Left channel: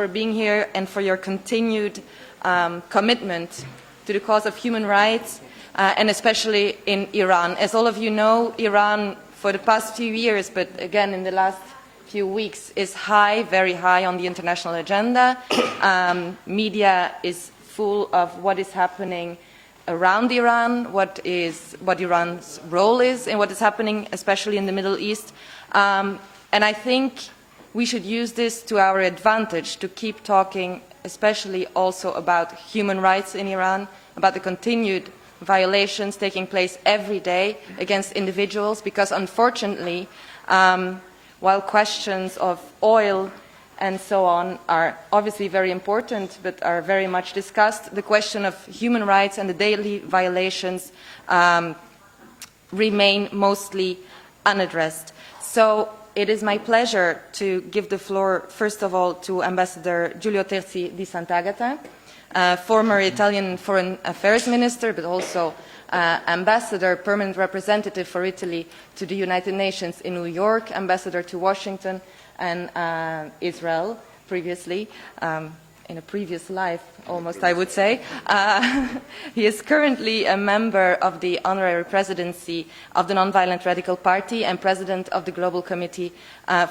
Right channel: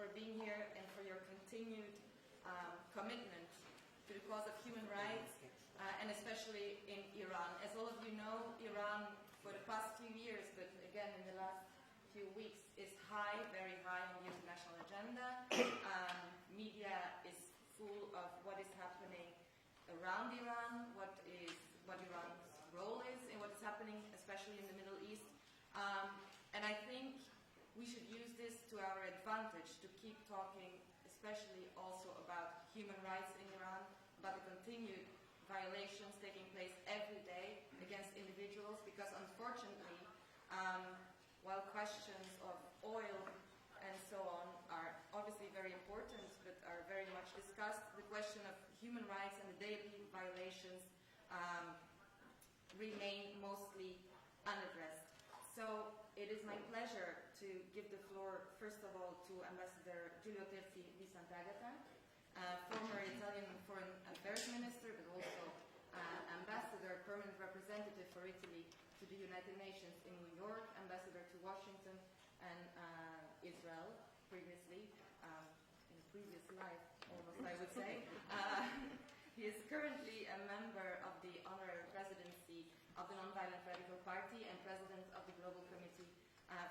for being here and for your continued commitment to the cause of human rights, and especially in Iran. As all of you know, Iran, for the past few years, but again in the last few weeks, is high, very high on the international agenda. Media is full of what is happening around Iran, what Iran's role is in what is happening, especially in the Middle East. And I think we should use this to our advantage to keep talking, especially also about human rights in Iran, about the continued violations taking place every day against individuals, because unfortunately, while questions of oil and so on are obviously very important but are very much discussed, the question of human rights and the daily violations remain mostly unaddressed. So it is my pleasure to give the floor, first of all, to Ambassador Giulio Terzi di Sant'Agata, former Italian Foreign Affairs Minister, but also Ambassador, permanent representative for Italy to the United Nations in New York, Ambassador to Washington and Israel previously, in a previous life, almost, I would say. He is currently a member of the honorary presidency of the Nonviolent Radical Party and president of the Global Committee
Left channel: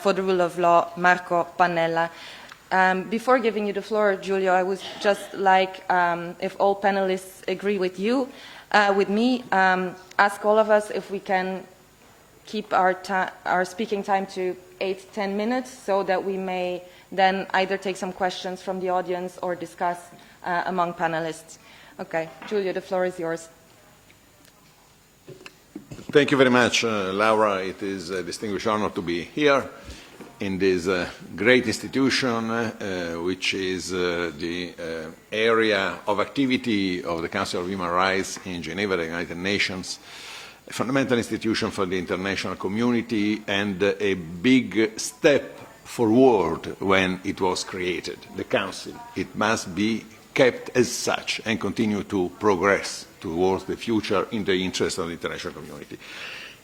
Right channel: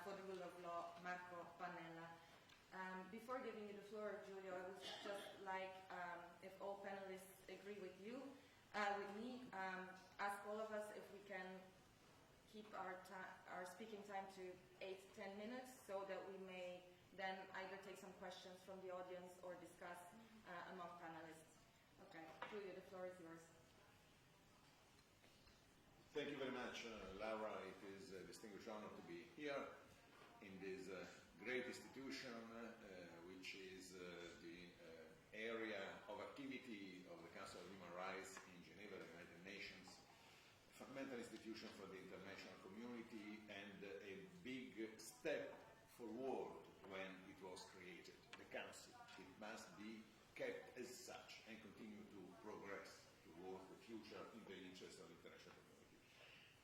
for the Rule of Law, Marco Pannella. Before giving you the floor, Giulio, I would just like, if all panelists agree with you, with me, ask all of us if we can keep our speaking time to 8-10 minutes, so that we may then either take some questions from the audience or discuss among panelists. Okay, Giulio, the floor is yours. Thank you very much, Laura. It is a distinguished honor to be here in this great institution, which is the area of activity of the Council of Human Rights in Geneva, the United Nations, a fundamental institution for the international community and a big step forward when it was created, the Council. It must be kept as such and continue to progress towards the future in the interest of the international community.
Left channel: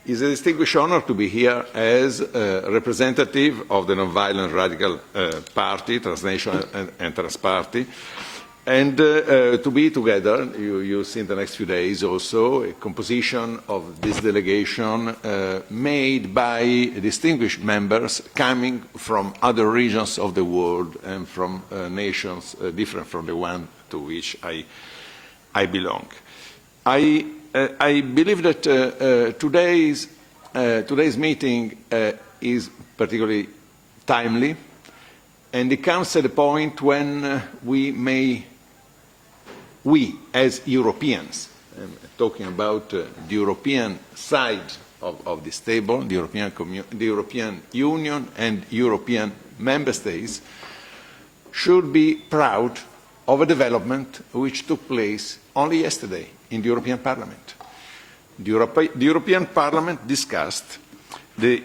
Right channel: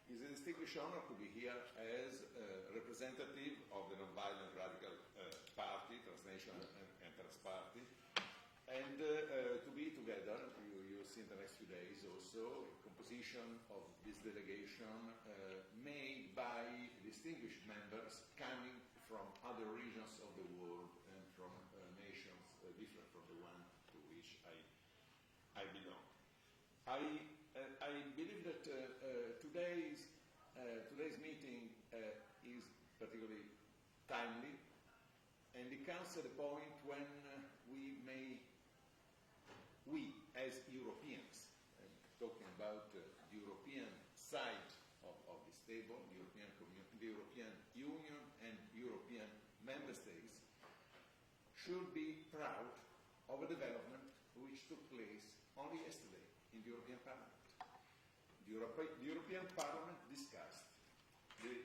It is a distinguished honor to be here as a representative of the Nonviolent Radical Party, transnational and transparty, and to be together, you'll see in the next few days also, a composition of this delegation made by distinguished members coming from other regions of the world and from nations different from the one to which I belong. I believe that today's meeting is particularly timely, and it comes at a point when we as Europeans, talking about the European side of this table, the European Union and European member states, should be proud of a development which took place only yesterday in the European Parliament. The European Parliament discussed the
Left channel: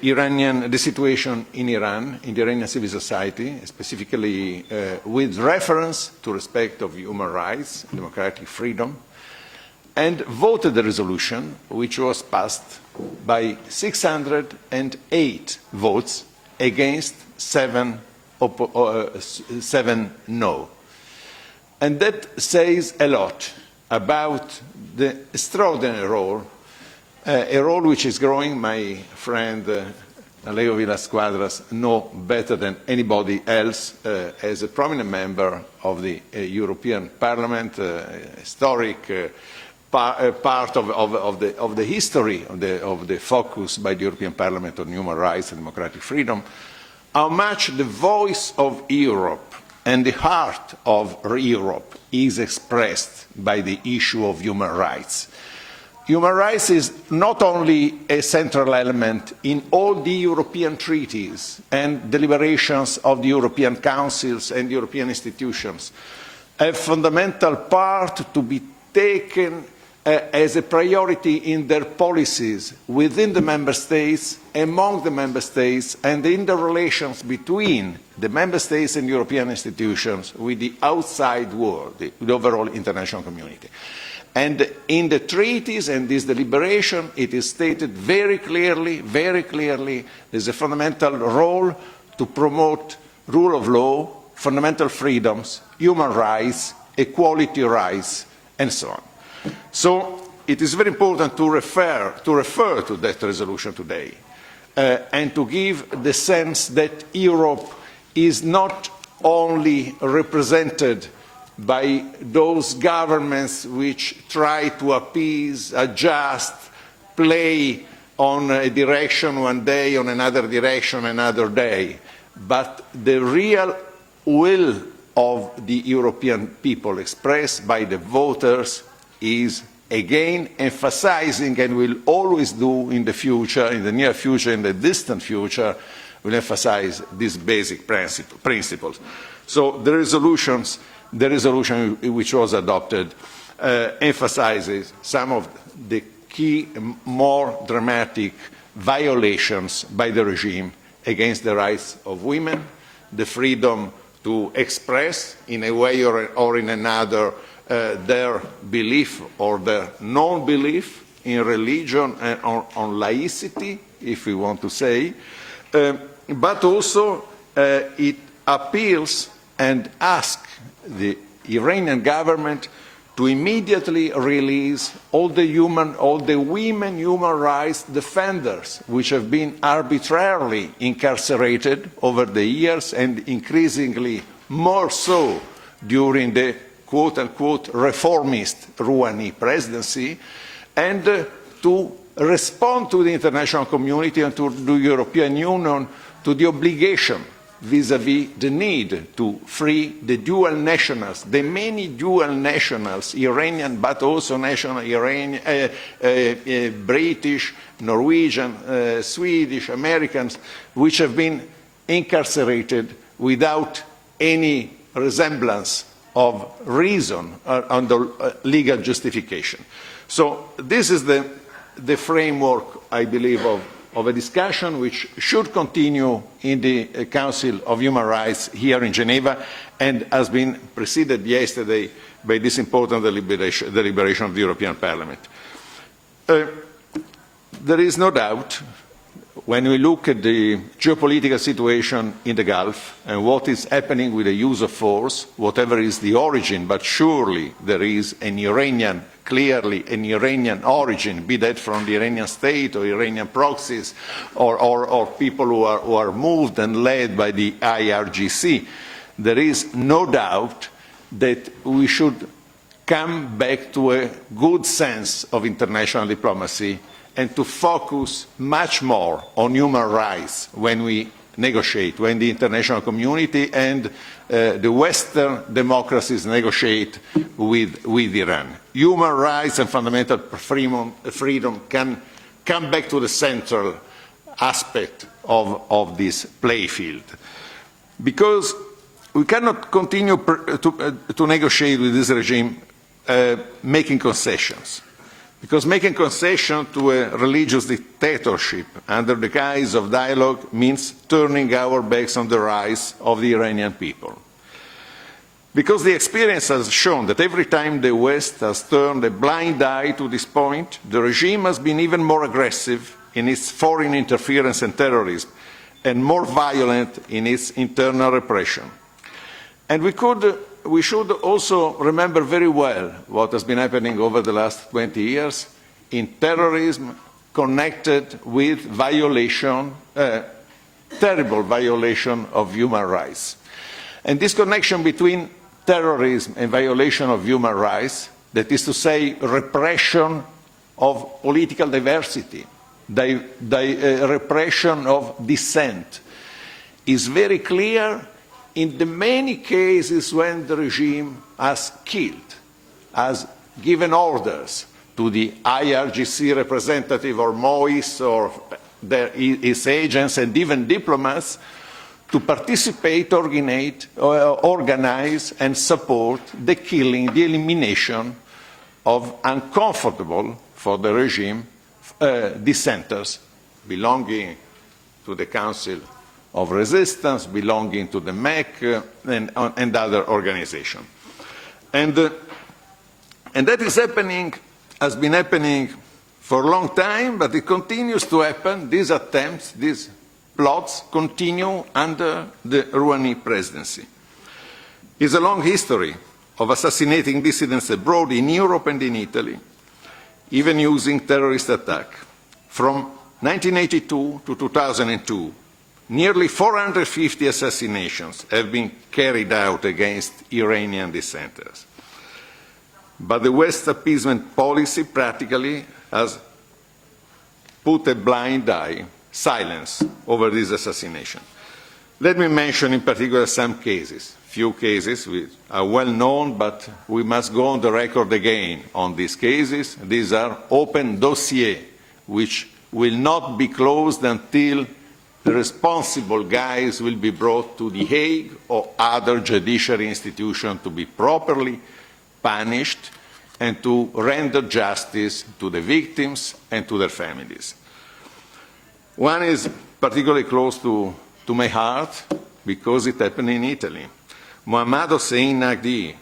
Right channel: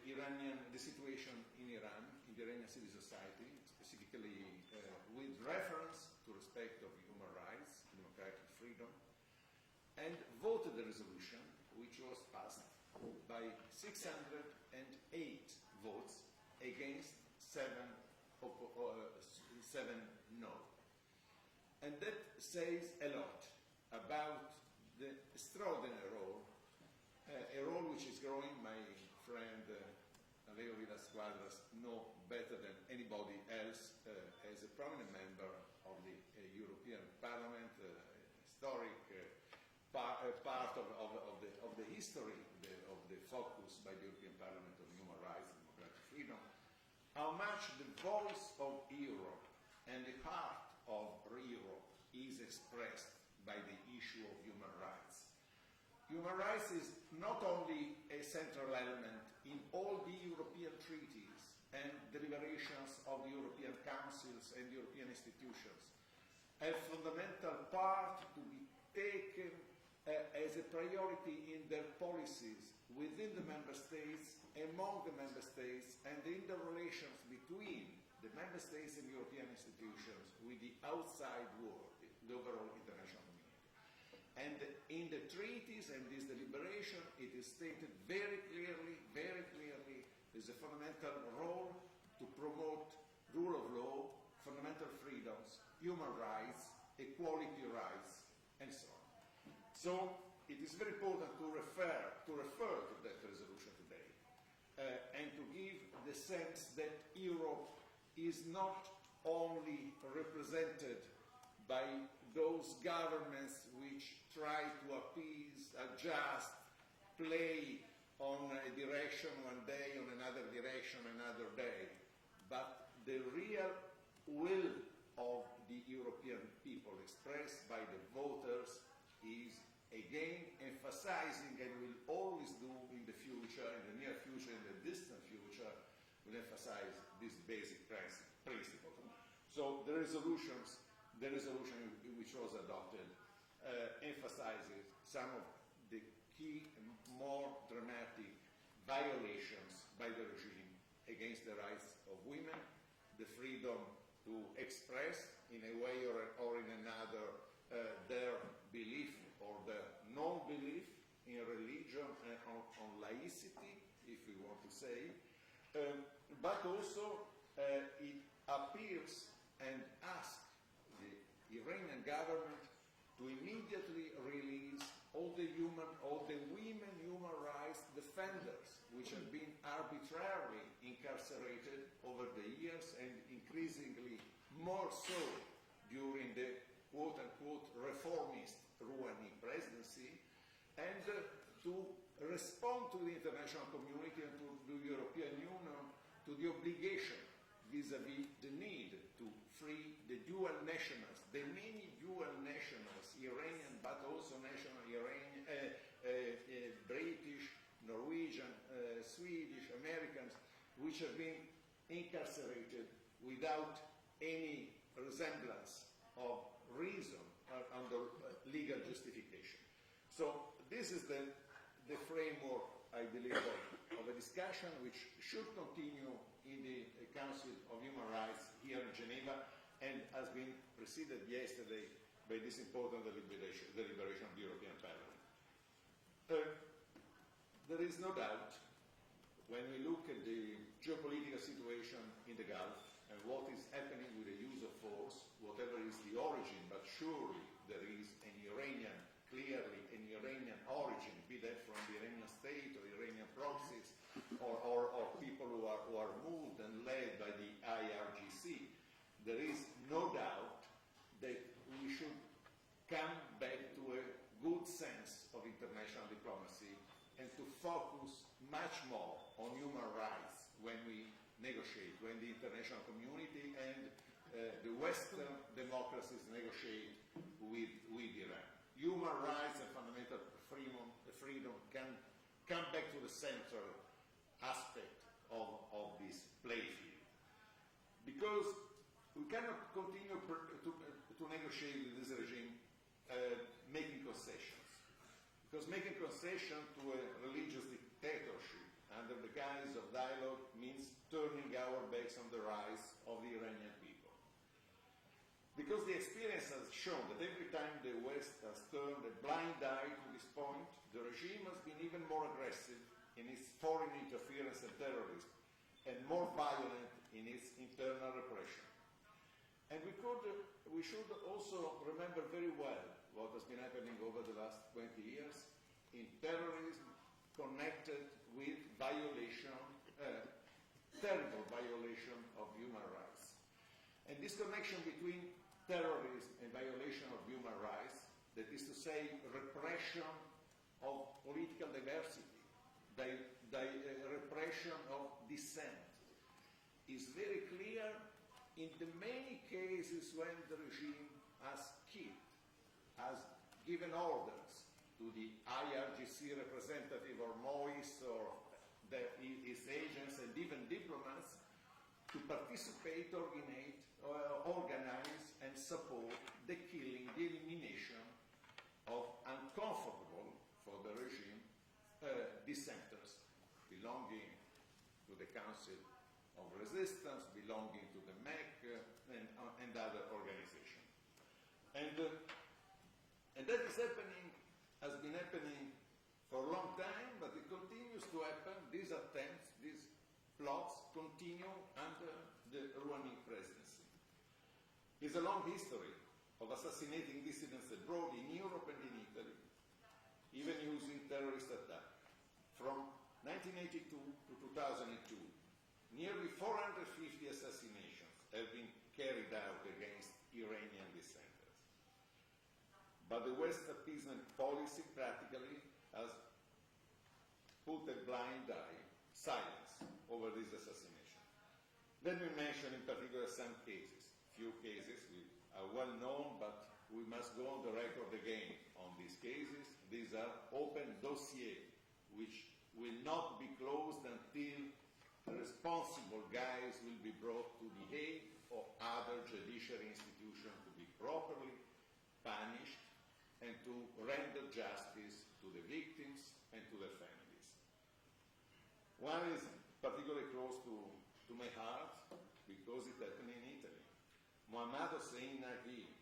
situation in Iran, in the Iranian civil society, specifically with reference to respect of human rights, democratic freedom, and voted the resolution, which was passed by 608 votes against 7 no. And that says a lot about the extraordinary role, a role which is growing. My friend Leo Villas-Quadras knows better than anybody else as a prominent member of the European Parliament, historic part of the history of the focus by the European Parliament on human rights and democratic freedom, how much the voice of Europe and the heart of Europe is expressed by the issue of human rights. Human rights is not only a central element in all the European treaties and deliberations of the European councils and European institutions, a fundamental part to be taken as a priority in their policies within the member states, among the member states, and in the relations between the member states and European institutions with the outside world, the overall international community. And in the treaties and this deliberation, it is stated very clearly, there's a fundamental role to promote rule of law, fundamental freedoms, human rights, equality rights, and so on. So it is very important to refer to that resolution today and to give the sense that Europe is not only represented by those governments which try to appease, adjust, play on a direction one day, on another direction another day, but the real will of the European people expressed by the voters is again emphasizing, and will always do in the future, in the near future, in the distant future, will emphasize these basic principles. So the resolution which was adopted emphasizes some of the key, more dramatic violations by the regime against the rights of women, the freedom to express in a way or in another their belief or their non-belief in religion and on laicity, if we want to say, but also it appeals and asks the Iranian government to immediately release all the women human rights defenders which have been arbitrarily incarcerated over the years and increasingly more so during the quote-unquote reformist Rouhani presidency, and to respond to the international community and to the European Union to the obligation vis-à-vis the need to free the dual nationals, the many dual nationals, Iranian but also national Iranian, British, Norwegian, Swedish, Americans, which have been incarcerated without any resemblance of reason under legal justification. So this is the framework, I believe, of a discussion which should continue in the Council of Human Rights here in Geneva and has been preceded yesterday by this important deliberation of the European Parliament. There is no doubt, when we look at the geopolitical situation in the Gulf and what is happening with the use of force, whatever is the origin, but surely there is clearly an Iranian origin, be that from the Iranian state or Iranian proxies or people who are moved and led by the IRGC, there is no doubt that we should come back to a good sense of international diplomacy and to focus much more on human rights when we negotiate, when the international community and the Western democracies negotiate with Iran. Human rights and fundamental freedom can come back to the central aspect of this playfield. Because we cannot continue to negotiate with this regime making concessions. Because making concession to a religious dictatorship under the guise of dialogue means turning our backs on the rights of the Iranian people. Because the experience has shown that every time the West has turned a blind eye to this point, the regime has been even more aggressive in its foreign interference and terrorism, and more violent in its internal repression. And we should also remember very well what has been happening over the last 20 years in terrorism connected with terrible violation of human rights. And this connection between terrorism and violation of human rights, that is to say, repression of political diversity, repression of dissent, is very clear in the many cases when the regime has killed, has given orders to the IRGC representative or MOIS or its agents and even diplomats to participate, organize and support the killing, the elimination of uncomfortable for the regime dissenters belonging to the Council of Resistance, belonging to the MEC and other organizations. And that is happening, has been happening for a long time, but it continues to happen. These attempts, these plots continue under the Rouhani presidency. is a long history of assassinating dissidents abroad in Europe and in Italy, even using terrorist attack. From 1982 to 2002, nearly 450 assassinations have been carried out against Iranian dissenters. But the West's appeasement policy practically has put a blind eye, silence, over this assassination. Let me mention in particular some cases. Few cases which are well known, but we must go on the record again on these cases. These are open dossiers, which will not be closed until the responsible guys will be brought to The Hague or other judiciary institution to be properly punished and to render justice to the victims and to their families. One is particularly close to my heart because it happened in Italy. Mohammad Hossein Nagdi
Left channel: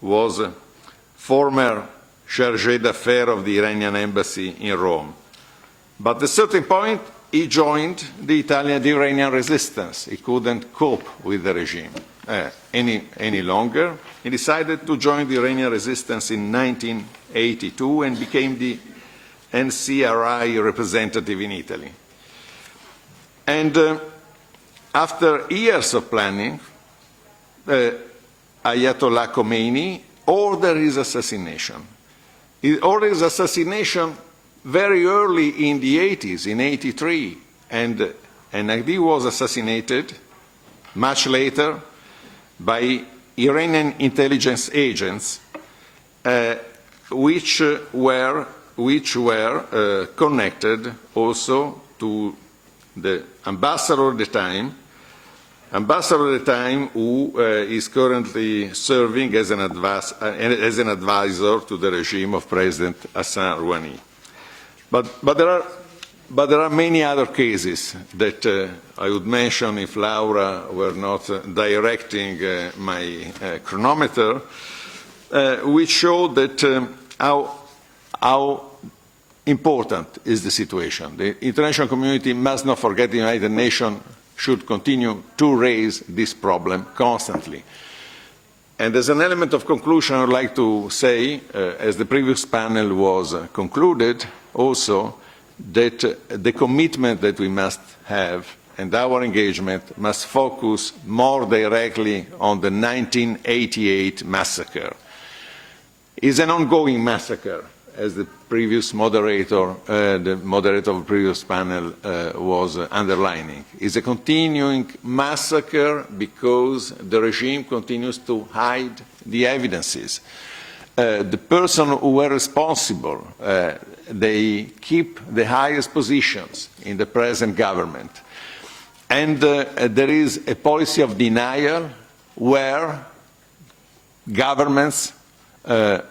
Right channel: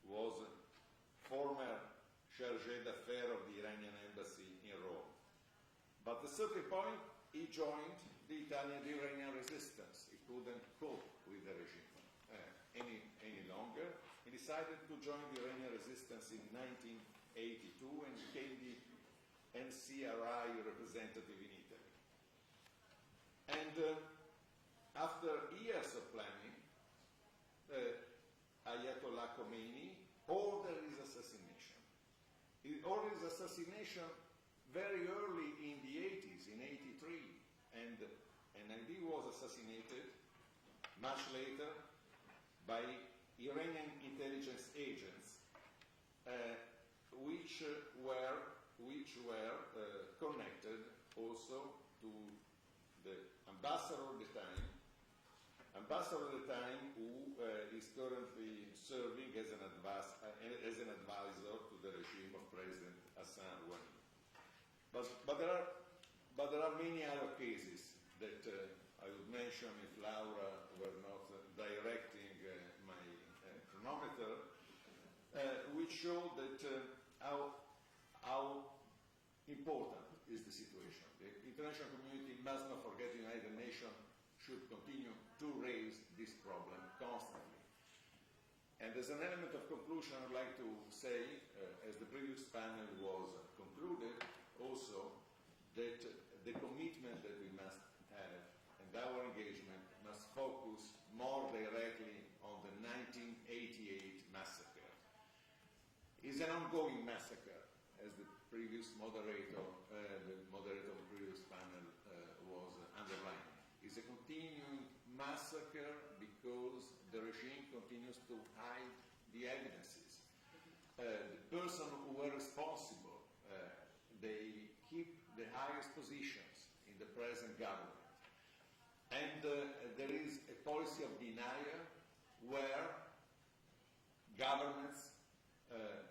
was former chargé d'affaires of the Iranian embassy in Rome. But at a certain point, he joined the Iranian resistance. He couldn't cope with the regime any longer. He decided to join the Iranian resistance in 1982 and became the NCRI representative in Italy. And after years of planning, Ayatollah Khomeini ordered his assassination. He ordered his assassination very early in the 80s, in 83, and Nagdi was assassinated much later by Iranian intelligence agents, which were connected also to the ambassador at the time, who is currently serving as an advisor to the regime of President Hassan Rouhani. But there are many other cases that I would mention if Laura were not directing my chronometer, which show that how important is the situation. The international community must not forget the United Nations should continue to raise this problem constantly. And as an element of conclusion, I would like to say, as the previous panel was concluded, also that the commitment that we must have and our engagement must focus more directly on the 1988 massacre. It's an ongoing massacre, as the previous moderator, the moderator of the previous panel was underlining. It's a continuing massacre because the regime continues to hide the evidences. The person who were responsible, they keep the highest positions in the present government. And there is a policy of denial where governments,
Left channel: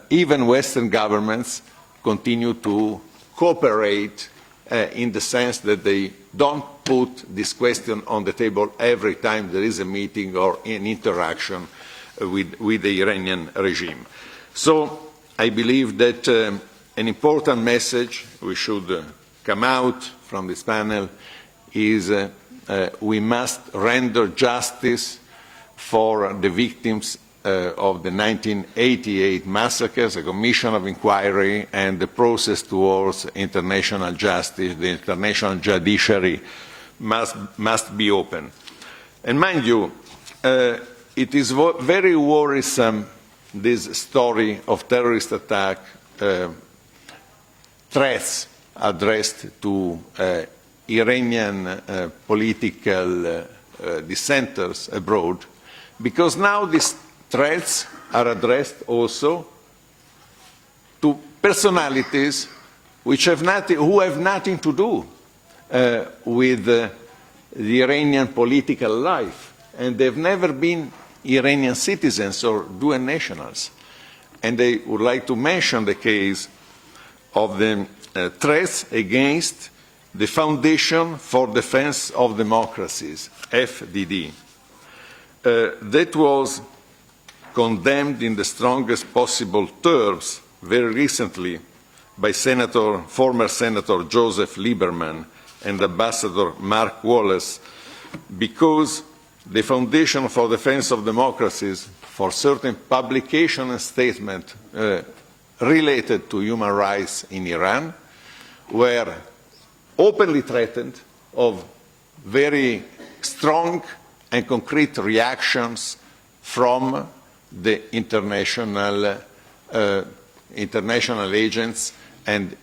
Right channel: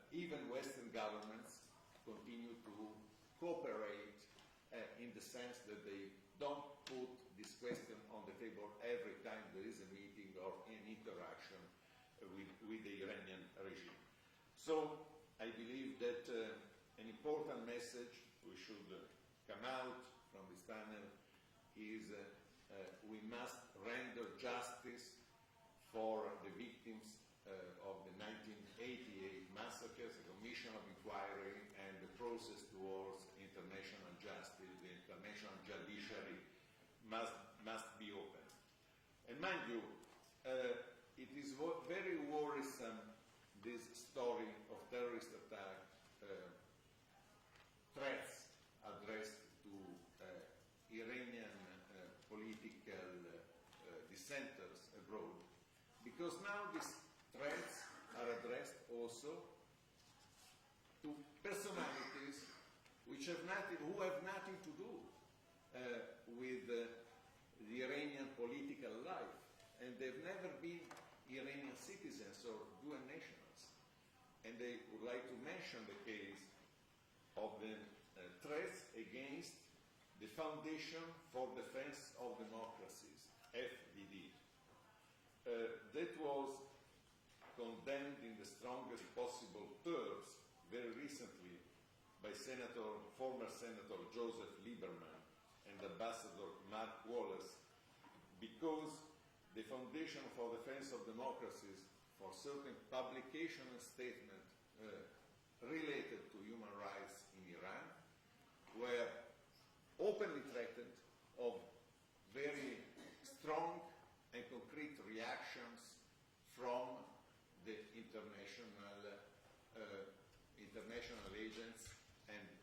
even Western governments, continue to cooperate in the sense that they don't put this question on the table every time there is a meeting or an interaction with the Iranian regime. So I believe that an important message we should come out from this panel is we must render justice for the victims of the 1988 massacres, a commission of inquiry, and the process towards international justice. The international judiciary must be open. And mind you, it is very worrisome, this story of terrorist attack, threats addressed to Iranian political dissenters abroad, because now these threats are addressed also to personalities which have who have nothing to do with the Iranian political life, and they've never been Iranian citizens or dual nationals. And they would like to mention the case of the threats against the Foundation for Defense of Democracies, FDD. That was condemned in the strongest possible terms very recently by former Senator Joseph Lieberman and Ambassador Mark Wallace, because the Foundation for Defense of Democracies for certain publication and statement related to human rights in Iran were openly threatened of very strong and concrete reactions from the international agents and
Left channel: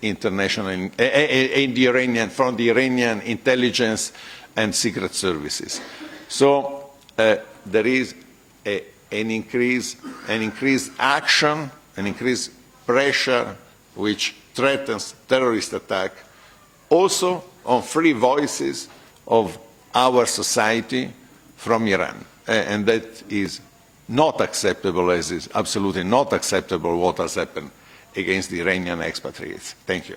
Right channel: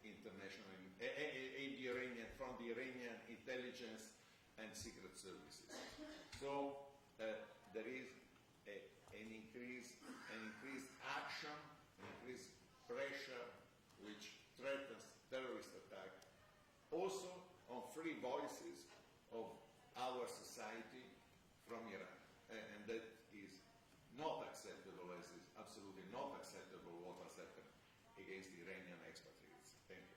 from the Iranian intelligence and secret services. So there is an increased action, an increased pressure which threatens terrorist attack, also on free voices of our society from Iran. And that is not acceptable, as is absolutely not acceptable what has happened against the Iranian expatriates. Thank you.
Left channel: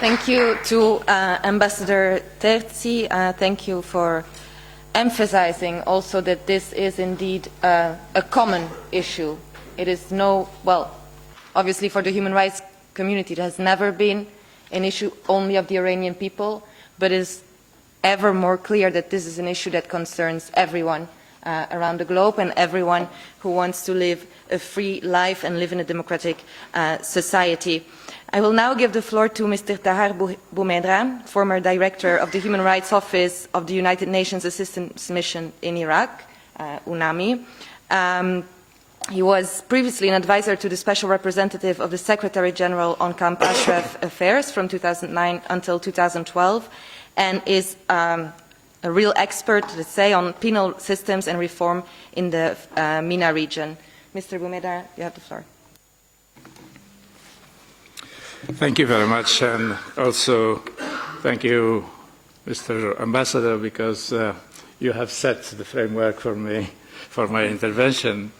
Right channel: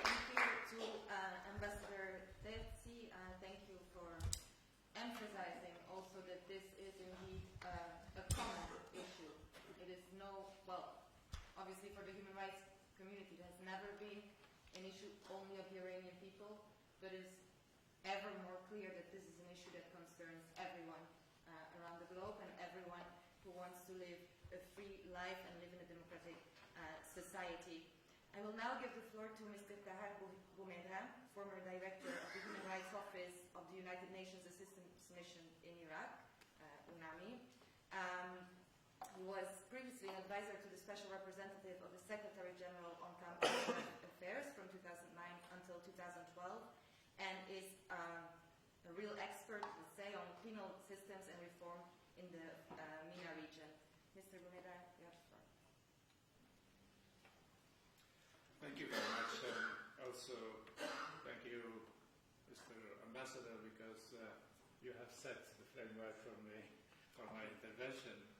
Thank you to Ambassador Terzi. Thank you for emphasizing also that this is indeed a common issue. It is well, obviously for the human rights community, it has never been an issue only of the Iranian people, but it is ever more clear that this is an issue that concerns everyone around the globe and everyone who wants to live a free life and live in a democratic society. I will now give the floor to Mr. Tahar Boumedra, former director of the Human Rights Office of the United Nations Assistance Mission in Iraq, UNAMI. He was previously an advisor to the Special Representative of the Secretary General on Camp Ashraf Affairs from 2009 until 2012, and is a real expert, let's say, on penal systems and reform in the MENA region. Mr. Boumedra, you have the floor. Thank you very much, and also thank you, Mr. Ambassador, because you have set the framework for me, for my intervention.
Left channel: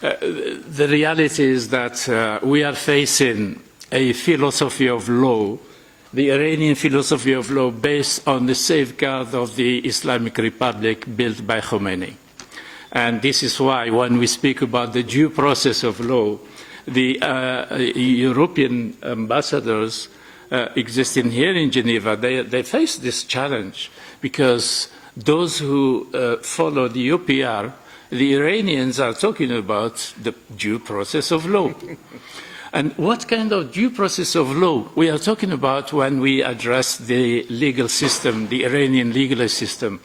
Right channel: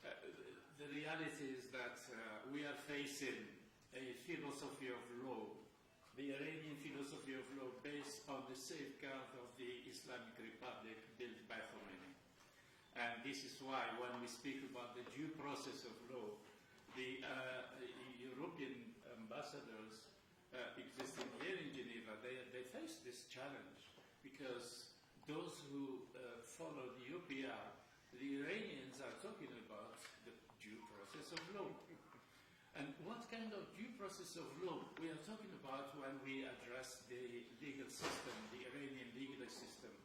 The reality is that we are facing a philosophy of law, the Iranian philosophy of law based on the safeguard of the Islamic Republic built by Khomeini. And this is why when we speak about the due process of law, the European ambassadors existing here in Geneva, they face this challenge because those who follow the UPR, the Iranians are talking about the due process of law. And what kind of due process of law we are talking about when we address the legal system, the Iranian legal system?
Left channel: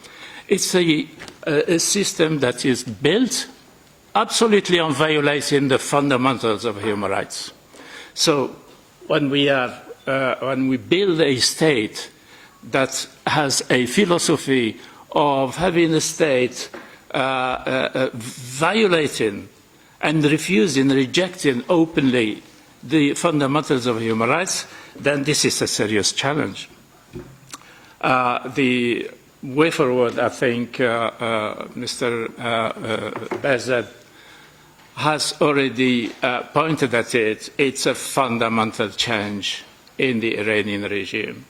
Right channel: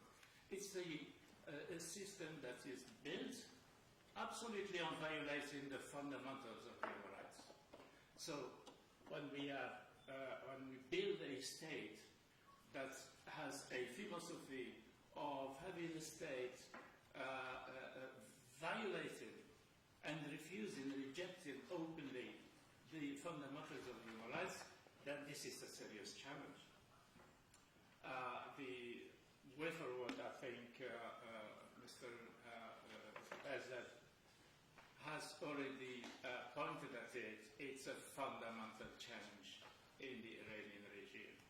It's a system that is built absolutely on violating the fundamentals of human rights. So when we build a state that has a philosophy of having a state violating and refusing, rejecting openly the fundamentals of human rights, then this is a serious challenge. The way forward, I think Mr. Bezet has already pointed at it. It's a fundamental change in the Iranian regime.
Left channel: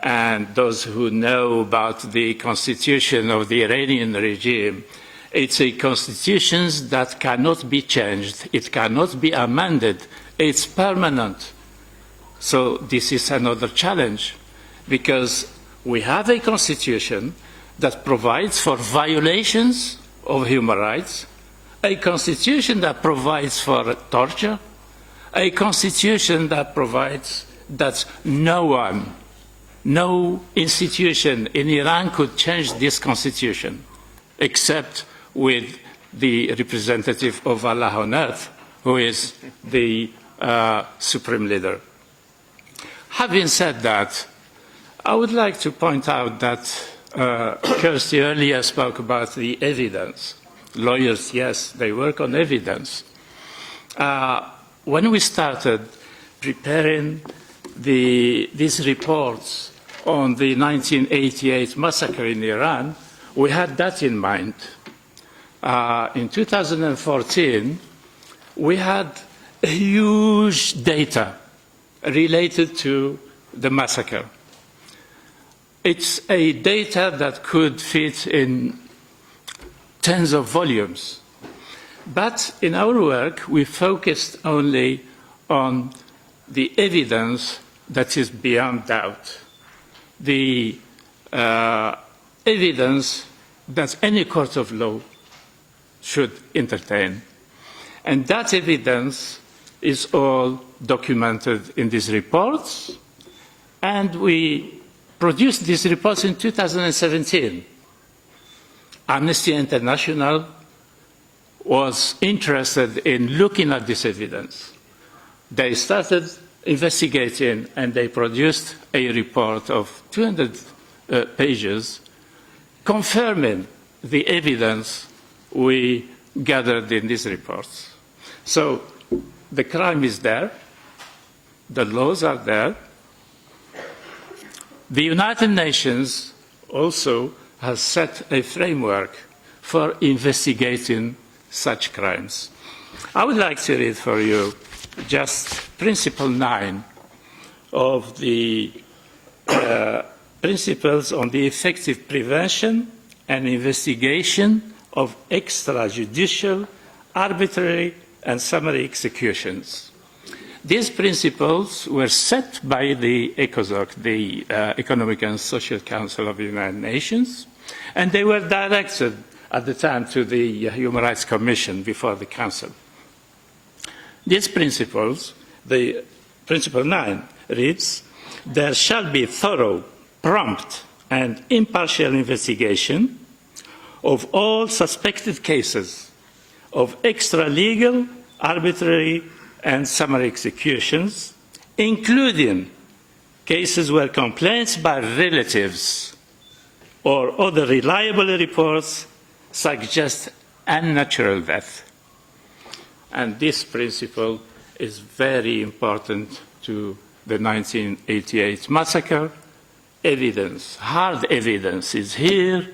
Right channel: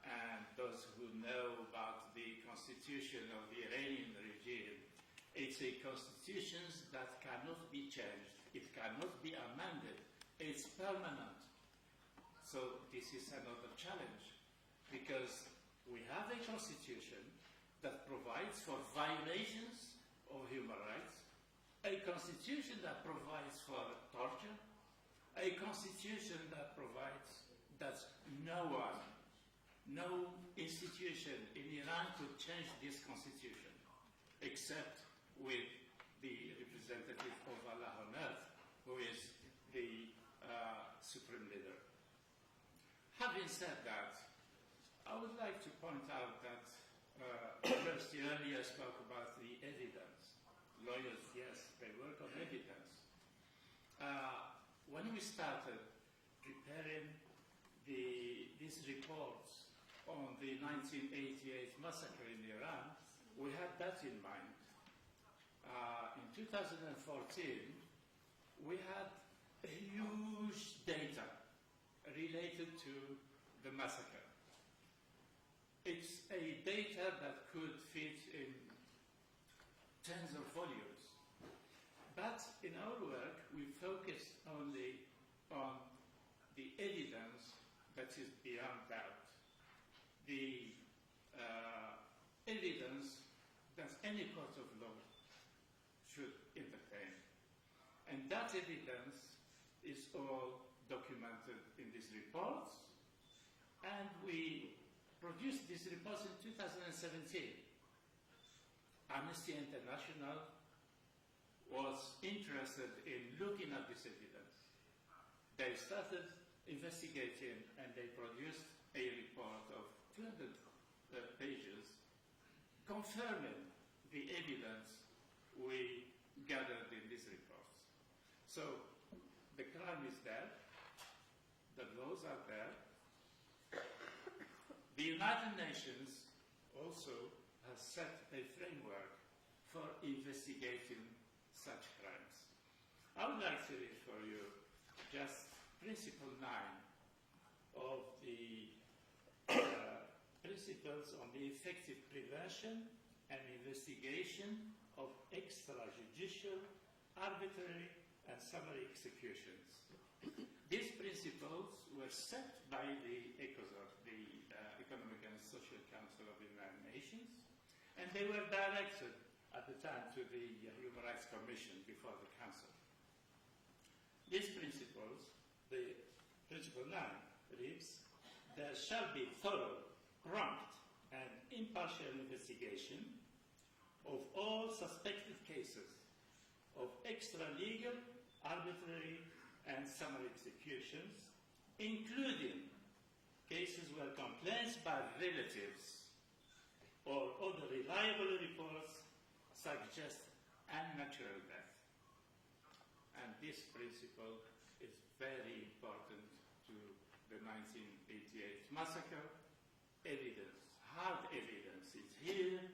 And those who know about the constitution of the Iranian regime, it's a constitution that cannot be changed. It cannot be amended. It's permanent. So this is another challenge because we have a constitution that provides for violations of human rights, a constitution that provides for torture, a constitution that provides that no one, no institution in Iran could change this constitution except with the representative of Allah on earth, who is the supreme leader. Having said that, I would like to point out that Kirsty earlier spoke about the evidence. Lawyers, yes, they work on evidence. When we started preparing these reports on the 1988 massacre in Iran, we had that in mind. In 2014, we had huge data related to the massacre. It's a data that could fit in tens of volumes. But in our work, we focused only on the evidence that is beyond doubt, the evidence that any court of law should entertain. And that evidence is all documented in these reports, and we produced these reports in 2017. Amnesty International was interested in looking at this evidence. They started investigating, and they produced a report of 200 pages confirming the evidence we gathered in these reports. So the crime is there, the laws are there. The United Nations also has set a framework for investigating such crimes. I would like to read for you just Principle 9 of the Principles on the Effective Prevention and Investigation of Extrajudicial, Arbitrary, and Summary Executions. These principles were set by the ECOSOC, the Economic and Social Council of the United Nations, and they were directed at the time to the Human Rights Commission before the Council. These principles, the Principle 9 reads, there shall be thorough, prompt, and impartial investigation of all suspected cases of extra-legal, arbitrary, and summary executions, including cases where complaints by relatives or other reliable reports suggest unnatural death. And this principle is very important to the 1988 massacre. Evidence, hard evidence is here.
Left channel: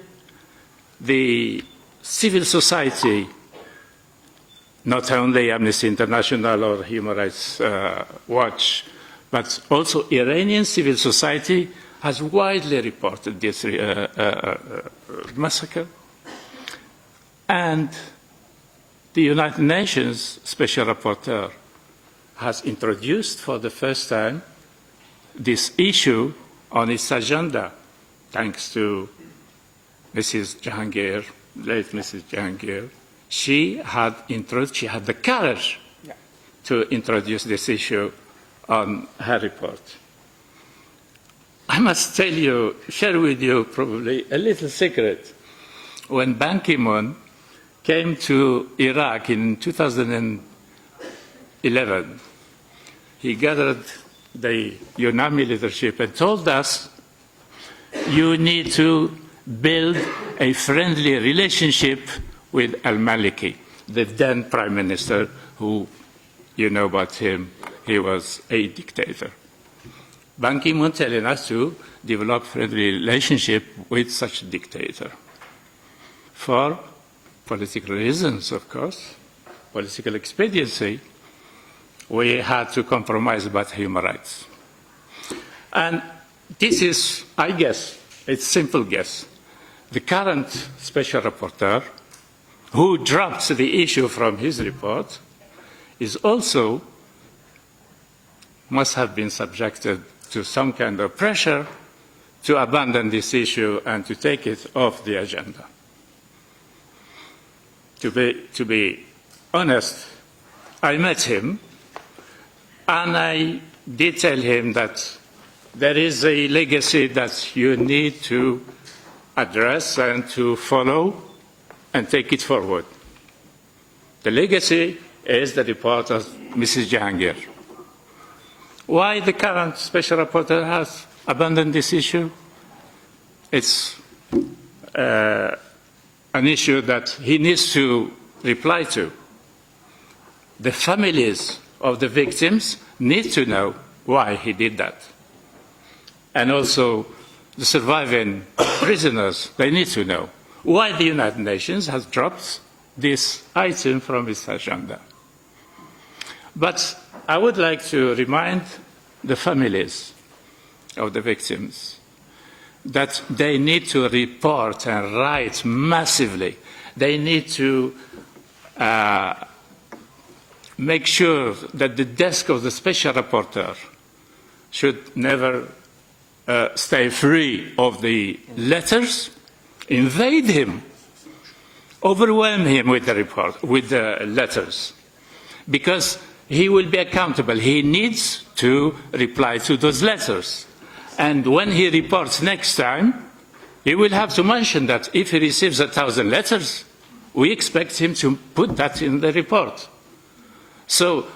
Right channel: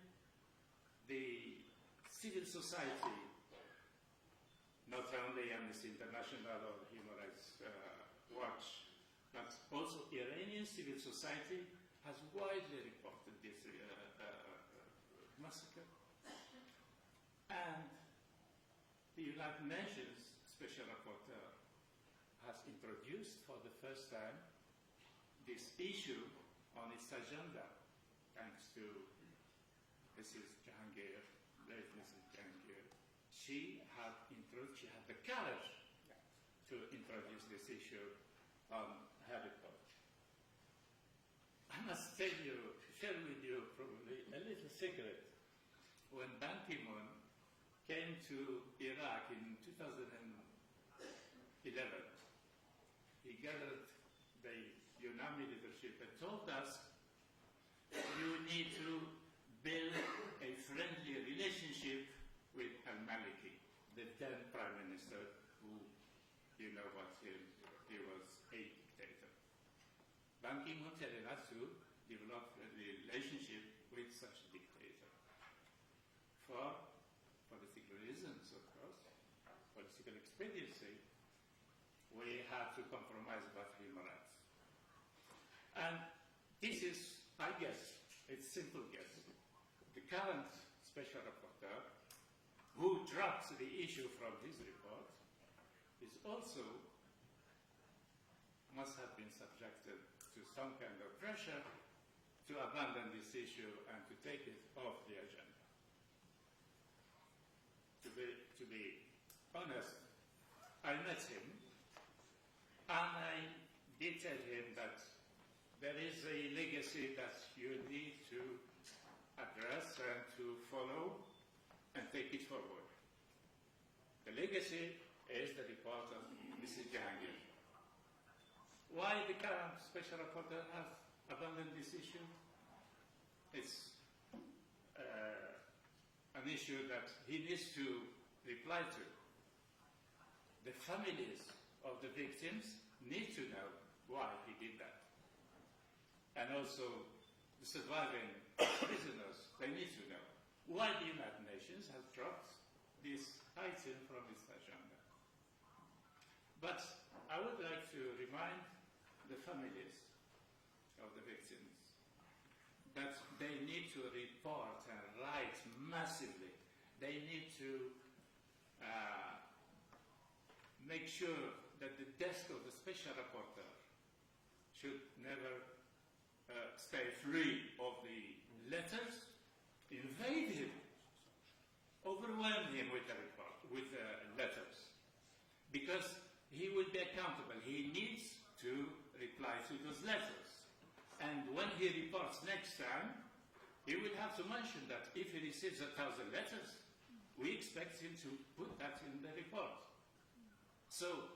The civil society, not only Amnesty International or Human Rights Watch, but also Iranian civil society has widely reported this massacre. And the United Nations Special Rapporteur has introduced for the first time this issue on its agenda, thanks to Mrs. Jahangir, late Mrs. Jahangir. She had the courage to introduce this issue on her report. I must tell you, share with you probably a little secret. When Ban Ki-moon came to Iraq in 2011, he gathered the UNAMI leadership and told us, you need to build a friendly relationship with al-Maliki, the then prime minister, who, you know about him, he was a dictator. Ban Ki-moon telling us to develop friendly relationship with such a dictator. For political reasons, of course, political expediency, we had to compromise about human rights. And this is, I guess, a simple guess. The current special rapporteur, who dropped the issue from his report, is also must have been subjected to some kind of pressure to abandon this issue and to take it off the agenda. To be honest, I met him, and I did tell him that there is a legacy that you need to address and to follow and take it forward. The legacy is the report of Mrs. Jahangir. Why the current special rapporteur has abandoned this issue? It's an issue that he needs to reply to. The families of the victims need to know why he did that. And also the surviving prisoners, they need to know why the United Nations has dropped this item from its agenda. But I would like to remind the families of the victims that they need to report and write massively. They need to make sure that the desk of the special rapporteur should never stay free of the letters, invade him, overwhelm him with the letters, because he will be accountable. He needs to reply to those letters. And when he reports next time, he will have to mention that if he receives 1,000 letters, we expect him to put that in the report. So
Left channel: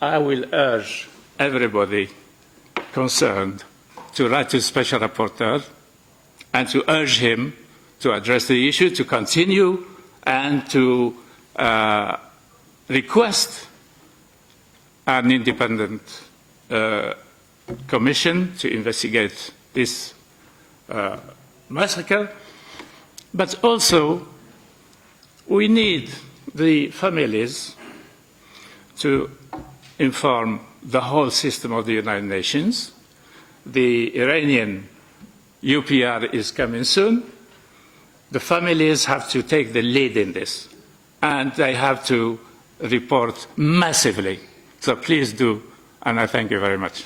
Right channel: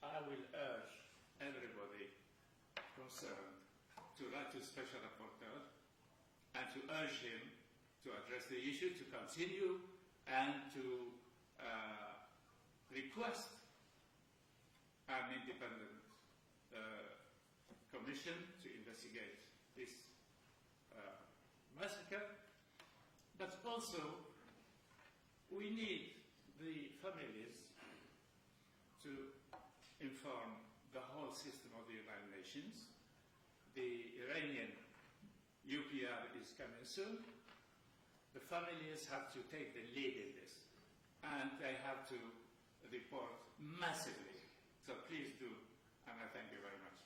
I will urge everybody concerned to write to the Special Rapporteur and to urge him to address the issue, to continue, and to request an independent commission to investigate this massacre. But also, we need the families to inform the whole system of the United Nations. The Iranian UPR is coming soon. The families have to take the lead in this, and they have to report massively. So please do, and I thank you very much.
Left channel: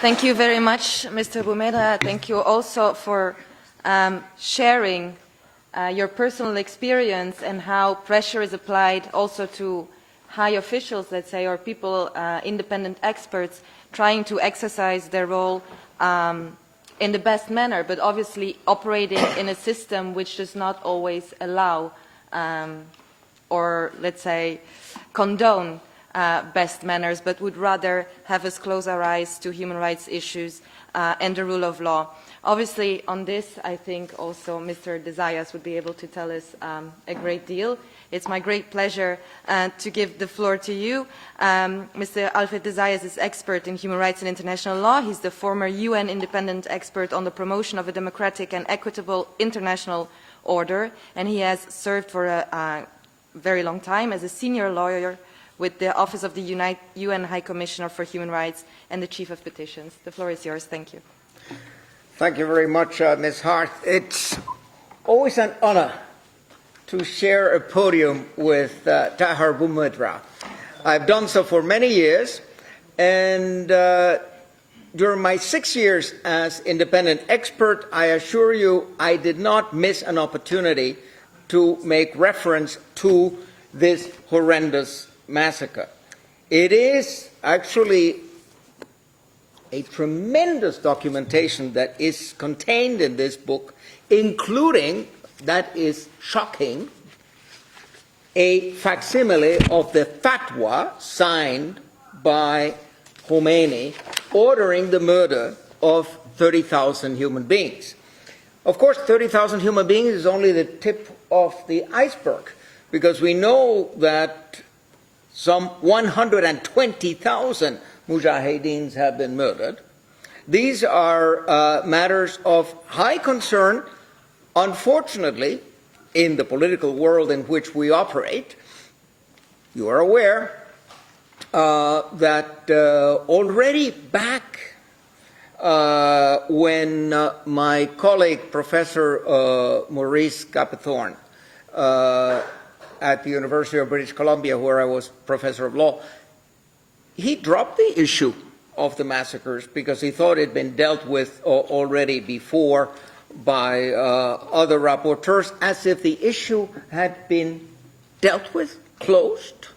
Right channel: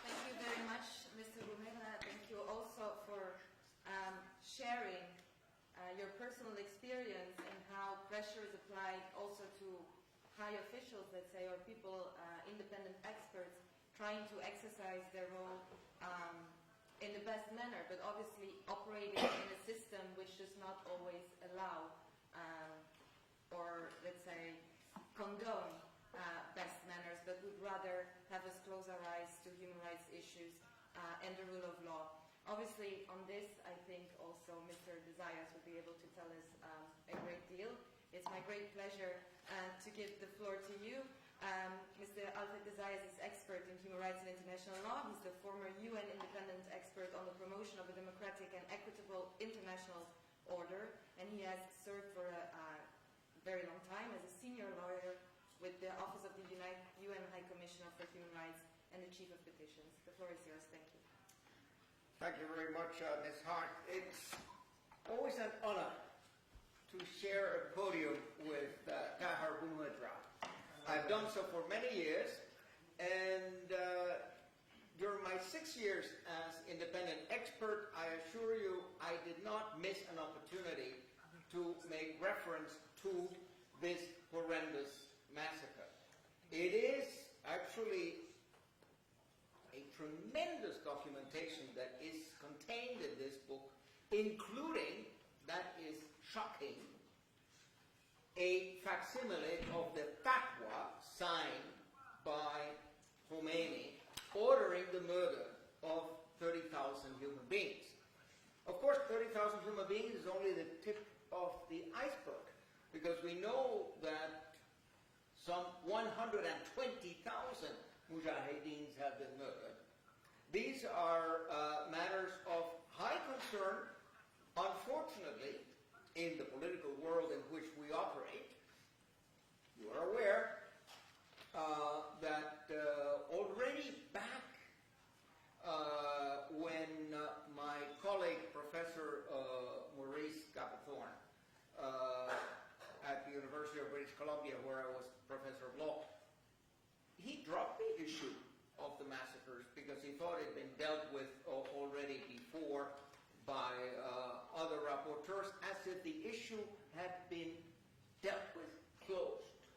Thank you very much, Mr. Boumeda. Thank you also for sharing your personal experience and how pressure is applied also to high officials, let's say, or people, independent experts, trying to exercise their role in the best manner, but obviously operating in a system which does not always allow or, let's say, condone best manners, but would rather have us close our eyes to human rights issues and the rule of law. Obviously, on this, I think also Mr. Desayas would be able to tell us a great deal. It's my great pleasure to give the floor to you. Mr. Alfred Desayas is expert in human rights and international law. He's the former UN independent expert on the promotion of a democratic and equitable international order, and he has served for a very long time as a senior lawyer with the Office of the UN High Commissioner for Human Rights and the Chief of Petitions. The floor is yours. Thank you. Thank you very much, Ms. Hart. It's always an honor to share a podium with Tahar Boumedra. I've done so for many years, and during my 6 years as independent expert, I assure you I did not miss an opportunity to make reference to this horrendous massacre. It is actually a tremendous documentation that is contained in this book, including, that is shocking, a facsimile of the fatwa signed by Khomeini ordering the murder of 30,000 human beings. Of course, 30,000 human beings is only the tip of the iceberg, because we know that some 120,000 Mujahideens have been murdered. These are matters of high concern, unfortunately, in the political world in which we operate. You are aware that already back when my colleague, Professor Maurice Capethorne, at the University of British Columbia, where I was professor of law, he dropped the issue of the massacres because he thought it had been dealt with already before by other rapporteurs, as if the issue had been dealt with, closed.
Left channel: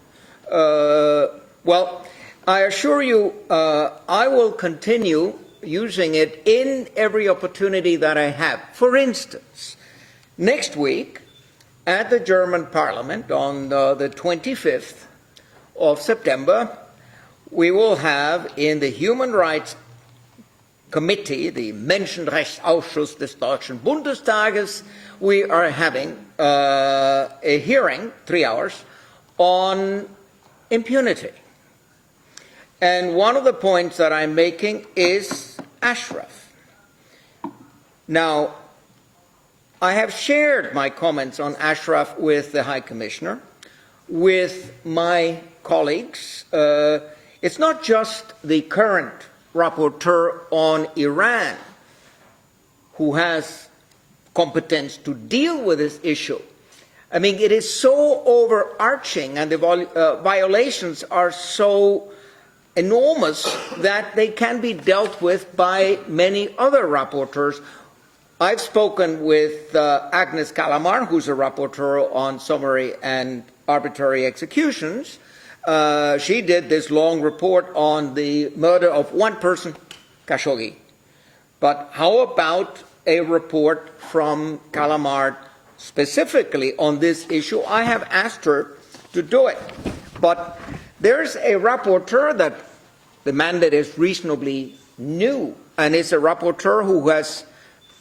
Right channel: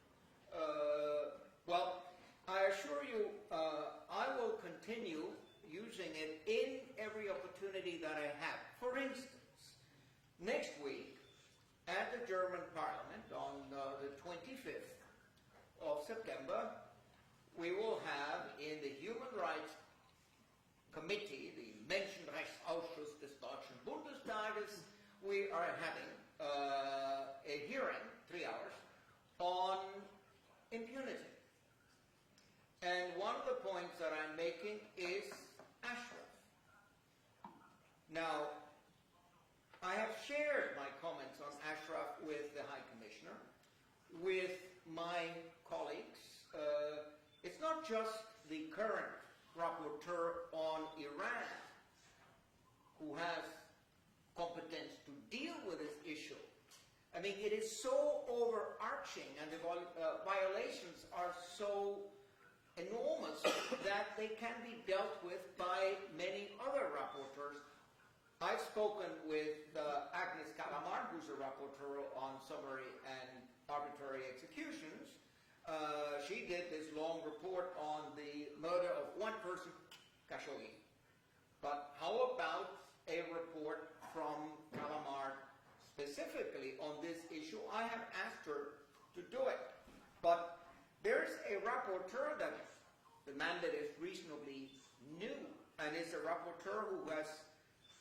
Well, I assure you I will continue using it in every opportunity that I have. For instance, next week at the German Parliament on the 25th of September, we will have in the Human Rights Committee, the Menschenrechtsausschuss des Deutschen Bundestages, we are having a hearing, 3 hours, on impunity. And one of the points that I'm making is Ashraf. Now, I have shared my comments on Ashraf with the High Commissioner, with my colleagues. it's not just the current rapporteur on Iran who has competence to deal with this issue. I mean, it is so overarching and the violations are so enormous that they can be dealt with by many other rapporteurs. I've spoken with Agnes Kalamar, who's a rapporteur on summary and arbitrary executions. She did this long report on the murder of one person, Khashoggi. But how about a report from Kalamar specifically on this issue? I have asked her to do it. But there's a rapporteur that the mandate is reasonably new, and it's a rapporteur who has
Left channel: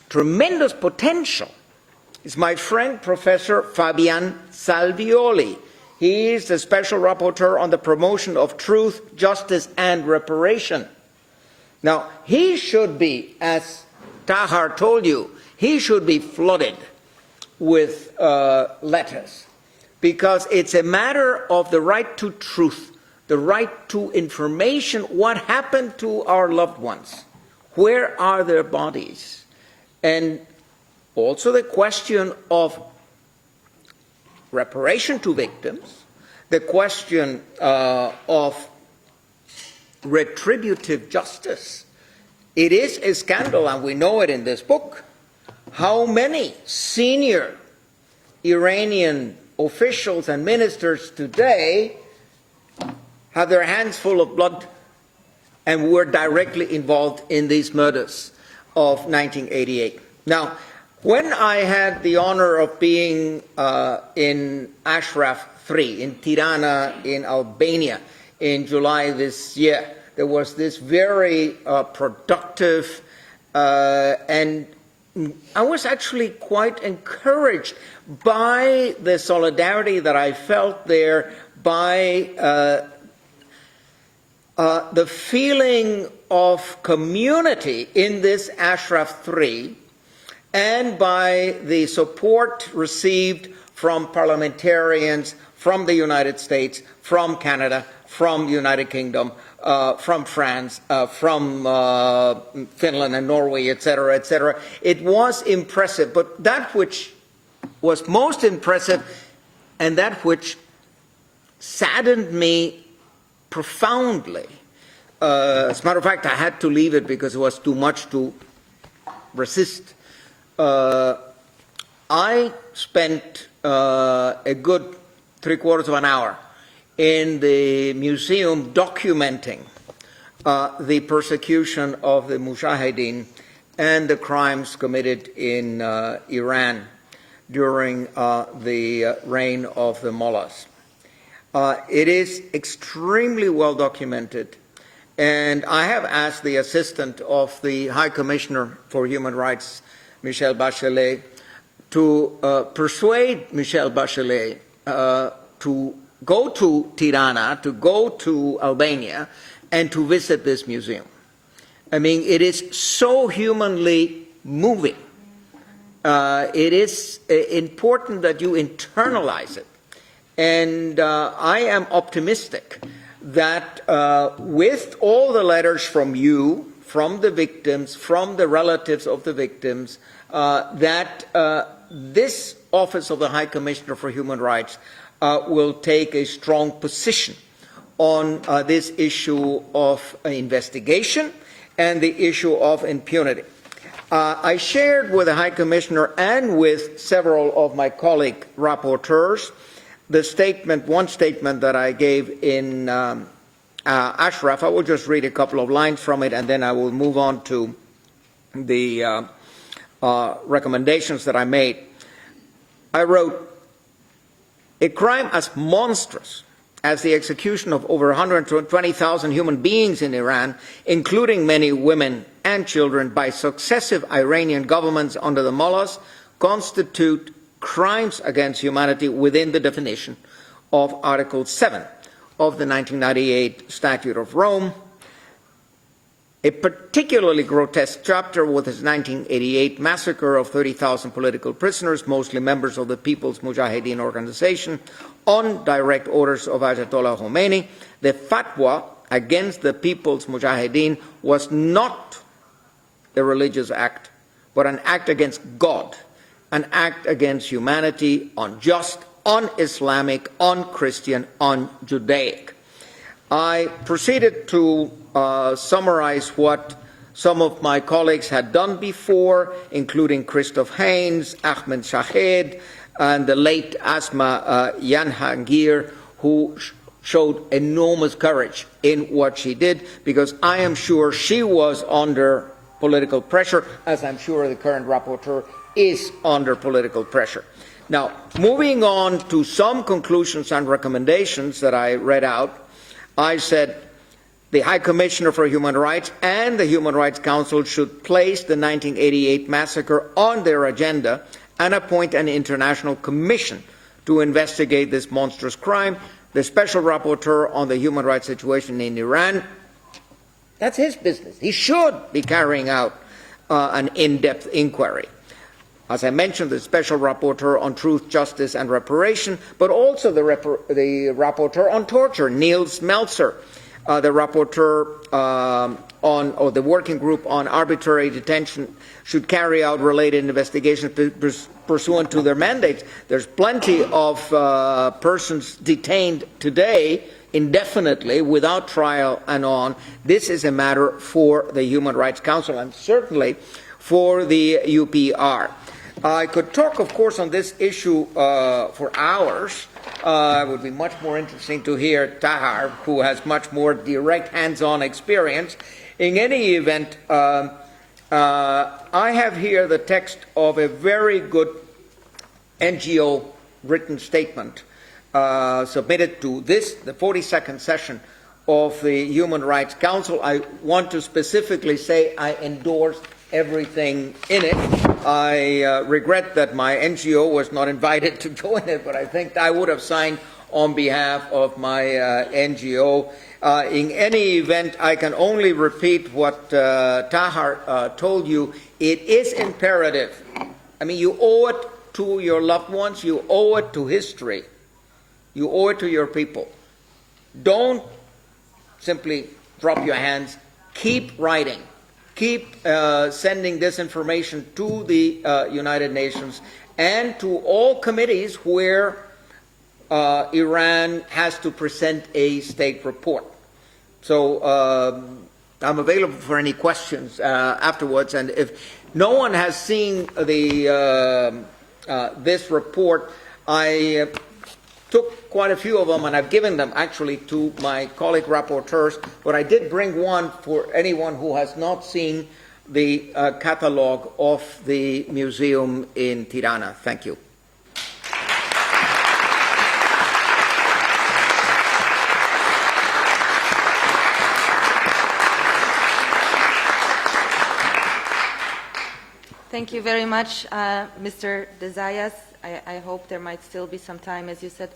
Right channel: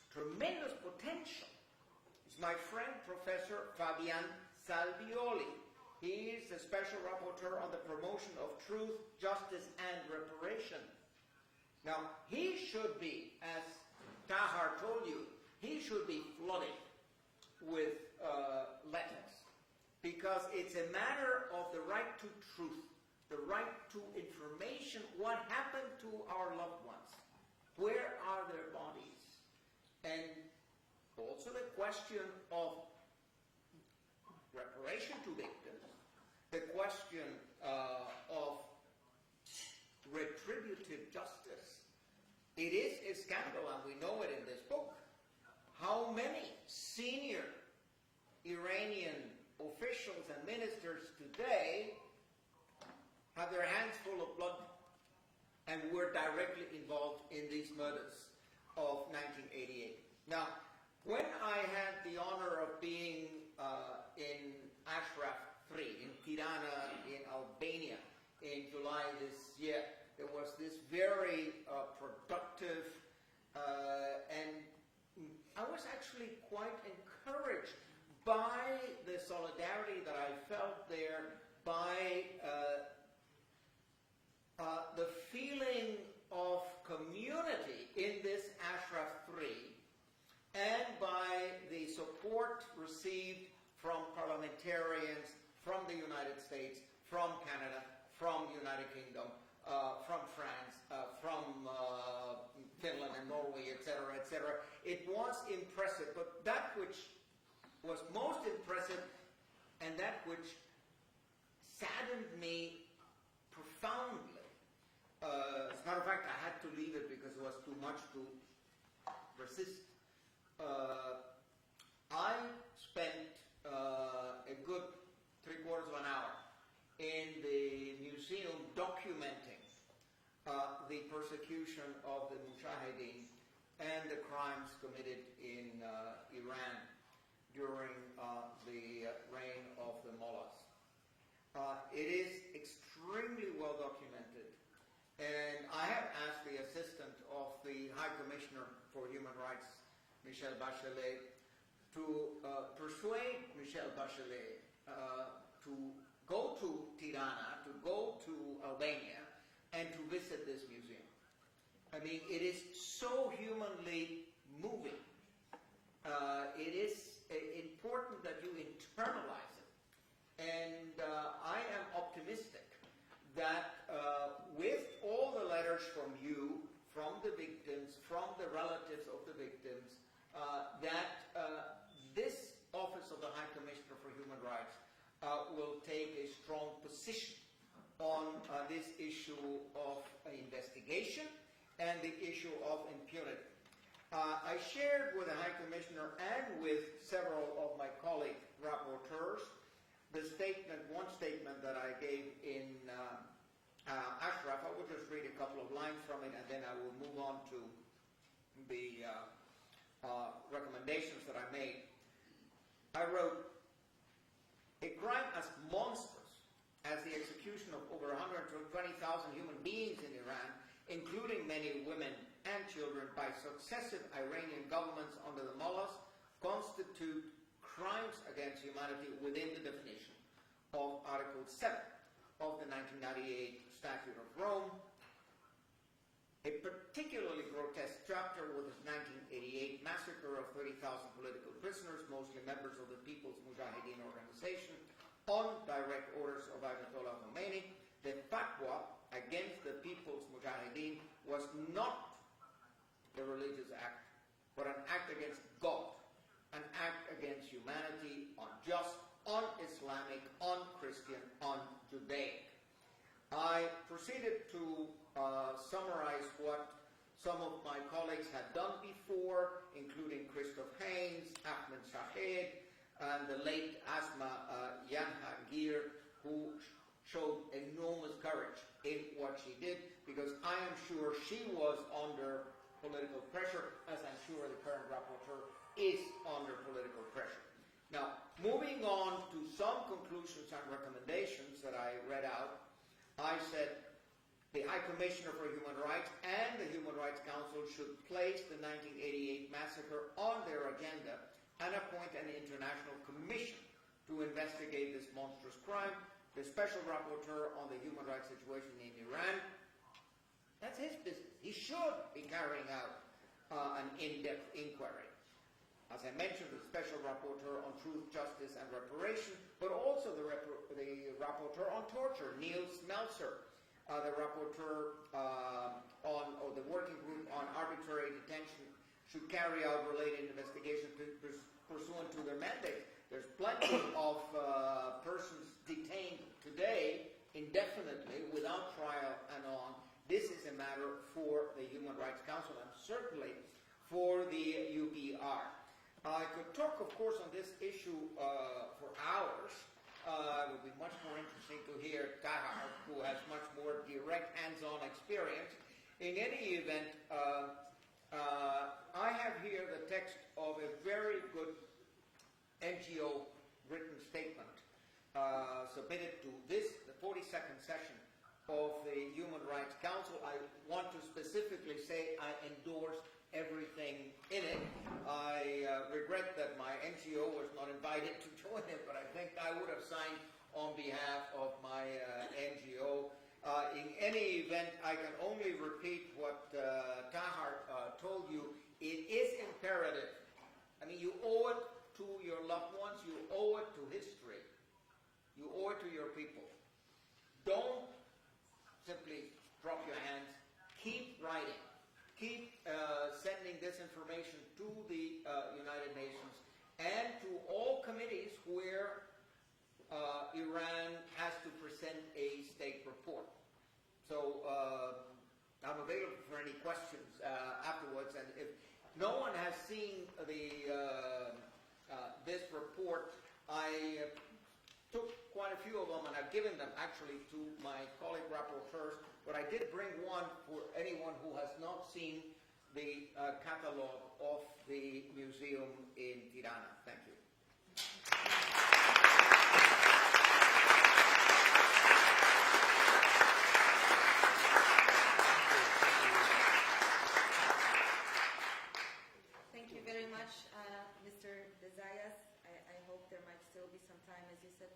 tremendous potential. It's my friend, Professor Fabian Salvioli. He is the special rapporteur on the promotion of truth, justice, and reparation. Now, he should be, as Tahar told you, he should be flooded with letters, because it's a matter of the right to truth, the right to information. What happened to our loved ones? Where are their bodies? And also the question of reparation to victims, the question of retributive justice. It is a scandal, and we know it in this book, how many senior Iranian officials and ministers today have their hands full of blood and were directly involved in these murders of 1988. Now, when I had the honor of being in Ashraf III, in Tirana, in Albania, in July this year, there was this very productive and I was actually quite encouraged by the solidarity that I felt there, by the feeling of community in this Ashraf III, and by the support received from parliamentarians from the United States, from Canada, from the United Kingdom, from France, from Finland and Norway, etc., etc. It was impressive, but that which was most impressive and that which saddened me profoundly, as a matter of fact, I had to leave it because it was too much to resist. I spent a good 3/4 of an hour in the museum documenting the persecution of the Mujahideen and the crimes committed in Iran during the reign of the mullahs. It is extremely well documented, and I have asked the assistant of the High Commissioner for Human Rights, Michelle Bachelet, to persuade Michelle Bachelet to go to Tirana, to go to Albania, and to visit this museum. I mean, it is so humanly moving. It is important that you internalize it. And I am optimistic that with all the letters from you, from the victims, from the relatives of the victims, that this Office of the High Commissioner for Human Rights will take a strong position on this issue of investigation and the issue of impunity. I shared with the High Commissioner and with several of my colleague rapporteurs the statement, one statement that I gave in Ashraf. I will just read a couple of lines from it, and then I will move on to the recommendations that I made. I wrote, "A crime as monstrous as the execution of over 120,000 human beings in Iran, including many women and children, by successive Iranian governments under the mullahs, constitute crimes against humanity within the definition of Article 7 of the 1998 Statute of Rome. A particularly grotesque chapter was the 1988 massacre of 30,000 political prisoners, mostly members of the People's Mujahideen Organization, on direct orders of Ayatollah Khomeini. The fatwa against the People's Mujahideen was not a religious act, but an act against God, an act against humanity, unjust, un-Islamic, un-Christian, un-Judaic. I proceeded to summarize what some of my colleagues had done before, including Christoph Haynes, Ahmed Shahed, and the late Asma Yanhangir, who showed enormous courage in what she did, because I am sure she was under political pressure, as I'm sure the current rapporteur is under political pressure. Now, moving on to some conclusions and recommendations that I read out, I said the High Commissioner for Human Rights and the Human Rights Council should place the 1988 massacre on their agenda and appoint an international commission to investigate this monstrous crime. The Special Rapporteur on the human rights situation in Iran, that's his business. He should be carrying out an in-depth inquiry. As I mentioned, the Special Rapporteur on Truth, Justice and Reparation, but also the Rapporteur on Torture, Niels Melzer, the Rapporteur or the Working Group on Arbitrary Detention should carry out related investigations pursuant to their mandates. There's plenty of persons detained today indefinitely without trial and on. This is a matter for the Human Rights Council and certainly for the UPR. I could talk, of course, on this issue for hours. It would be much more interesting to hear Tahar, who has much more direct hands-on experience. In any event, I have here the text of a very good NGO written statement submitted to this, the 42nd session of the Human Rights Council. I want to specifically say I endorse everything in it. I regret that my NGO was not invited to join it, but I think I would have signed on behalf of my NGO. In any event, I can only repeat what Tahar told you. It is imperative. I mean, you owe it to your loved ones. You owe it to history. You owe it to your people. Don't simply drop your hands. Keep writing. Keep sending this information to the United Nations and to all committees where Iran has to present a state report. So I'm available for any questions afterwards. And if no one has seen the this report, I took quite a few of them, and I've given them actually to my colleague rapporteurs, but I did bring one for anyone who has not seen the catalogue of the museum in Tirana. Thank you. Thank you very much, Mr. Desayas. I hope there might still be some time, as you said,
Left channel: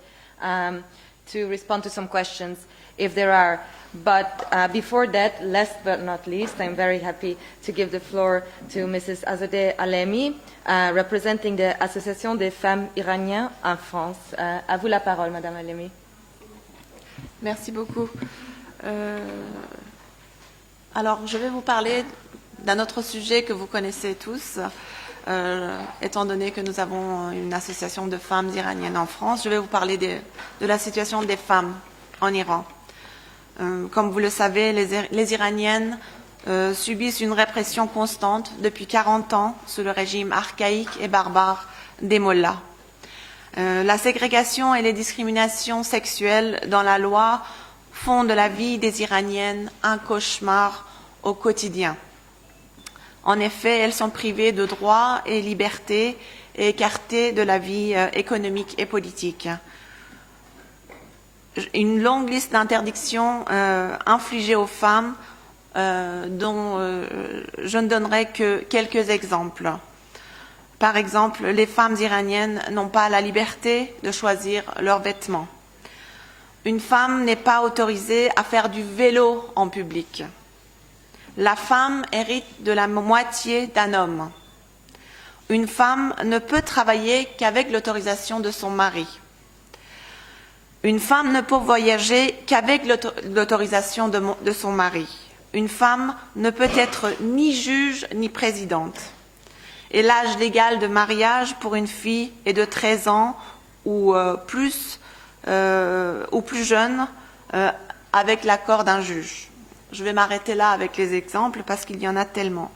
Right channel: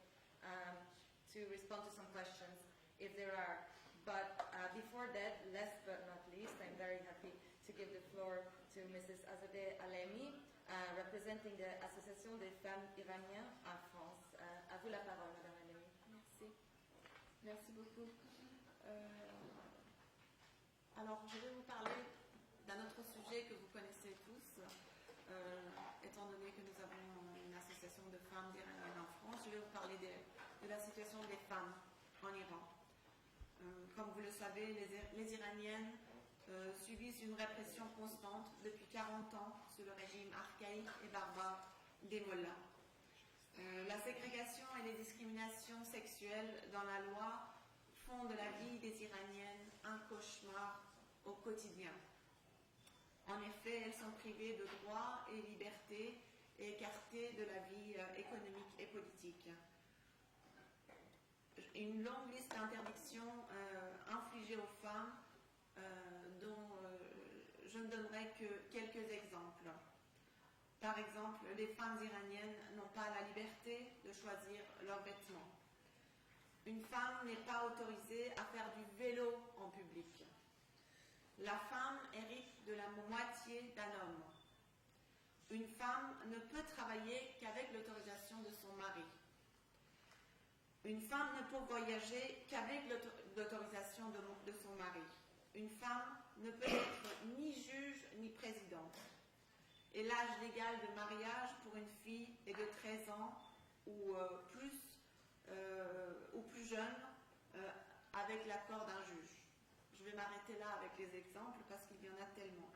to respond to some questions, if there are. But before that, last but not least, I'm very happy to give the floor to Mrs. Azadeh Alemi, representing the Association des Femmes Iraniennes en France. À vous la parole, Madame Alemi. Merci beaucoup. Alors, je vais vous parler d'un autre sujet que vous connaissez tous. Étant donné que nous avons une association de femmes iraniennes en France, je vais vous parler de la situation des femmes en Iran. Comme vous le savez, les Iraniennes subissent une répression constante depuis 40 ans sous le régime archaïque et barbare des mollahs. La ségrégation et les discriminations sexuelles dans la loi font de la vie des Iraniennes un cauchemar au quotidien. En effet, elles sont privées de droits et libertés et écartées de la vie économique et politique. Une longue liste d'interdictions infligées aux femmes dont je ne donnerai que quelques exemples. Par exemple, les femmes iraniennes n'ont pas la liberté de choisir leurs vêtements. Une femme n'est pas autorisée à faire du vélo en public. La femme hérite de la moitié d'un homme. Une femme ne peut travailler qu'avec l'autorisation de son mari. Une femme ne peut voyager qu'avec l'autorisation de son mari. Une femme ne peut être ni juge ni présidente. Et l'âge légal de mariage pour une fille est de 13 ans ou plus jeune avec l'accord d'un juge. Je vais m'arrêter là avec les exemples parce qu'il y en a tellement.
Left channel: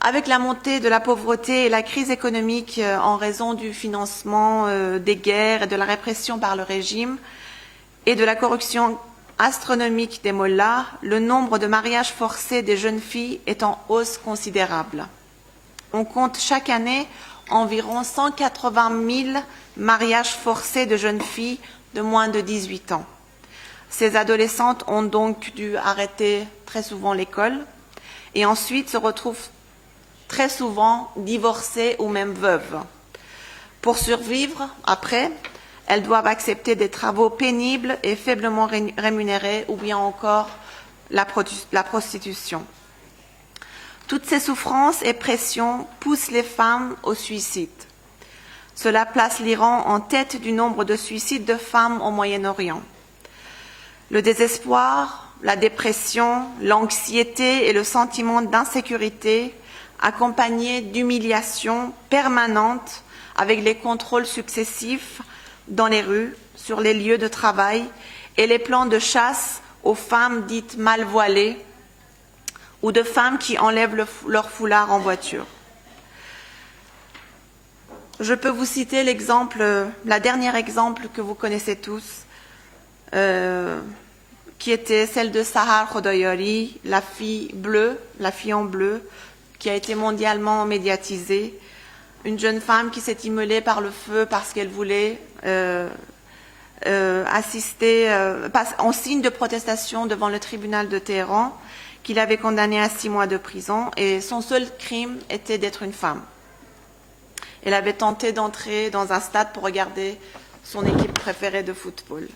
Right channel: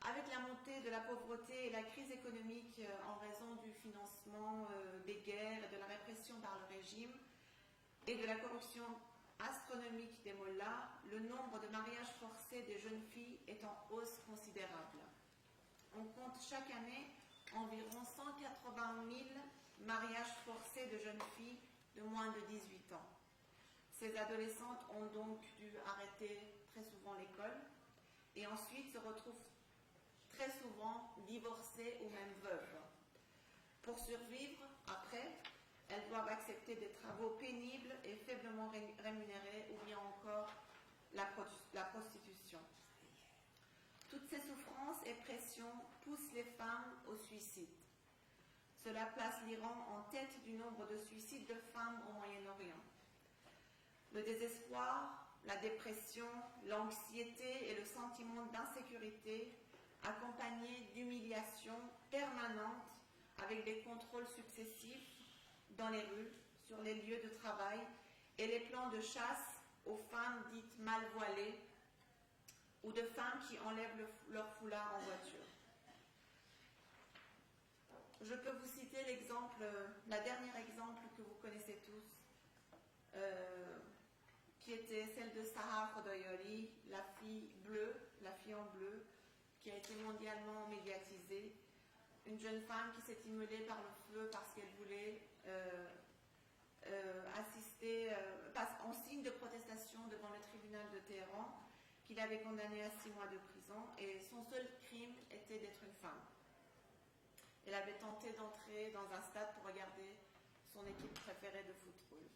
Avec la montée de la pauvreté et la crise économique en raison du financement des guerres et de la répression par le régime et de la corruption astronomique des mollahs, le nombre de mariages forcés des jeunes filles est en hausse considérable. On compte chaque année environ 180 000 mariages forcés de jeunes filles de moins de 18 ans. Ces adolescentes ont donc dû arrêter très souvent l'école et ensuite se retrouvent très souvent divorcées ou même veuves. Pour survivre, après, elles doivent accepter des travaux pénibles et faiblement rémunérés ou bien encore la prostitution. Toutes ces souffrances et pressions poussent les femmes au suicide. Cela place l'Iran en tête du nombre de suicides de femmes au Moyen-Orient. Le désespoir, la dépression, l'anxiété et le sentiment d'insécurité, accompagnés d'humiliations permanentes avec les contrôles successifs dans les rues, sur les lieux de travail et les plans de chasse aux femmes dites mal voilées ou de femmes qui enlèvent leur foulard en voiture. Je peux vous citer la dernière exemple que vous connaissez tous, qui était celle de Sahar Khodoyari, la fille en bleu, qui a été mondialement médiatisée, une jeune femme qui s'est immolée par le feu parce qu'elle voulait assister en signe de protestation devant le tribunal de Téhéran, qui l'avait condamnée à 6 mois de prison, et son seul crime était d'être une femme. Elle avait tenté d'entrer dans un stade pour regarder son équipe préférée de football.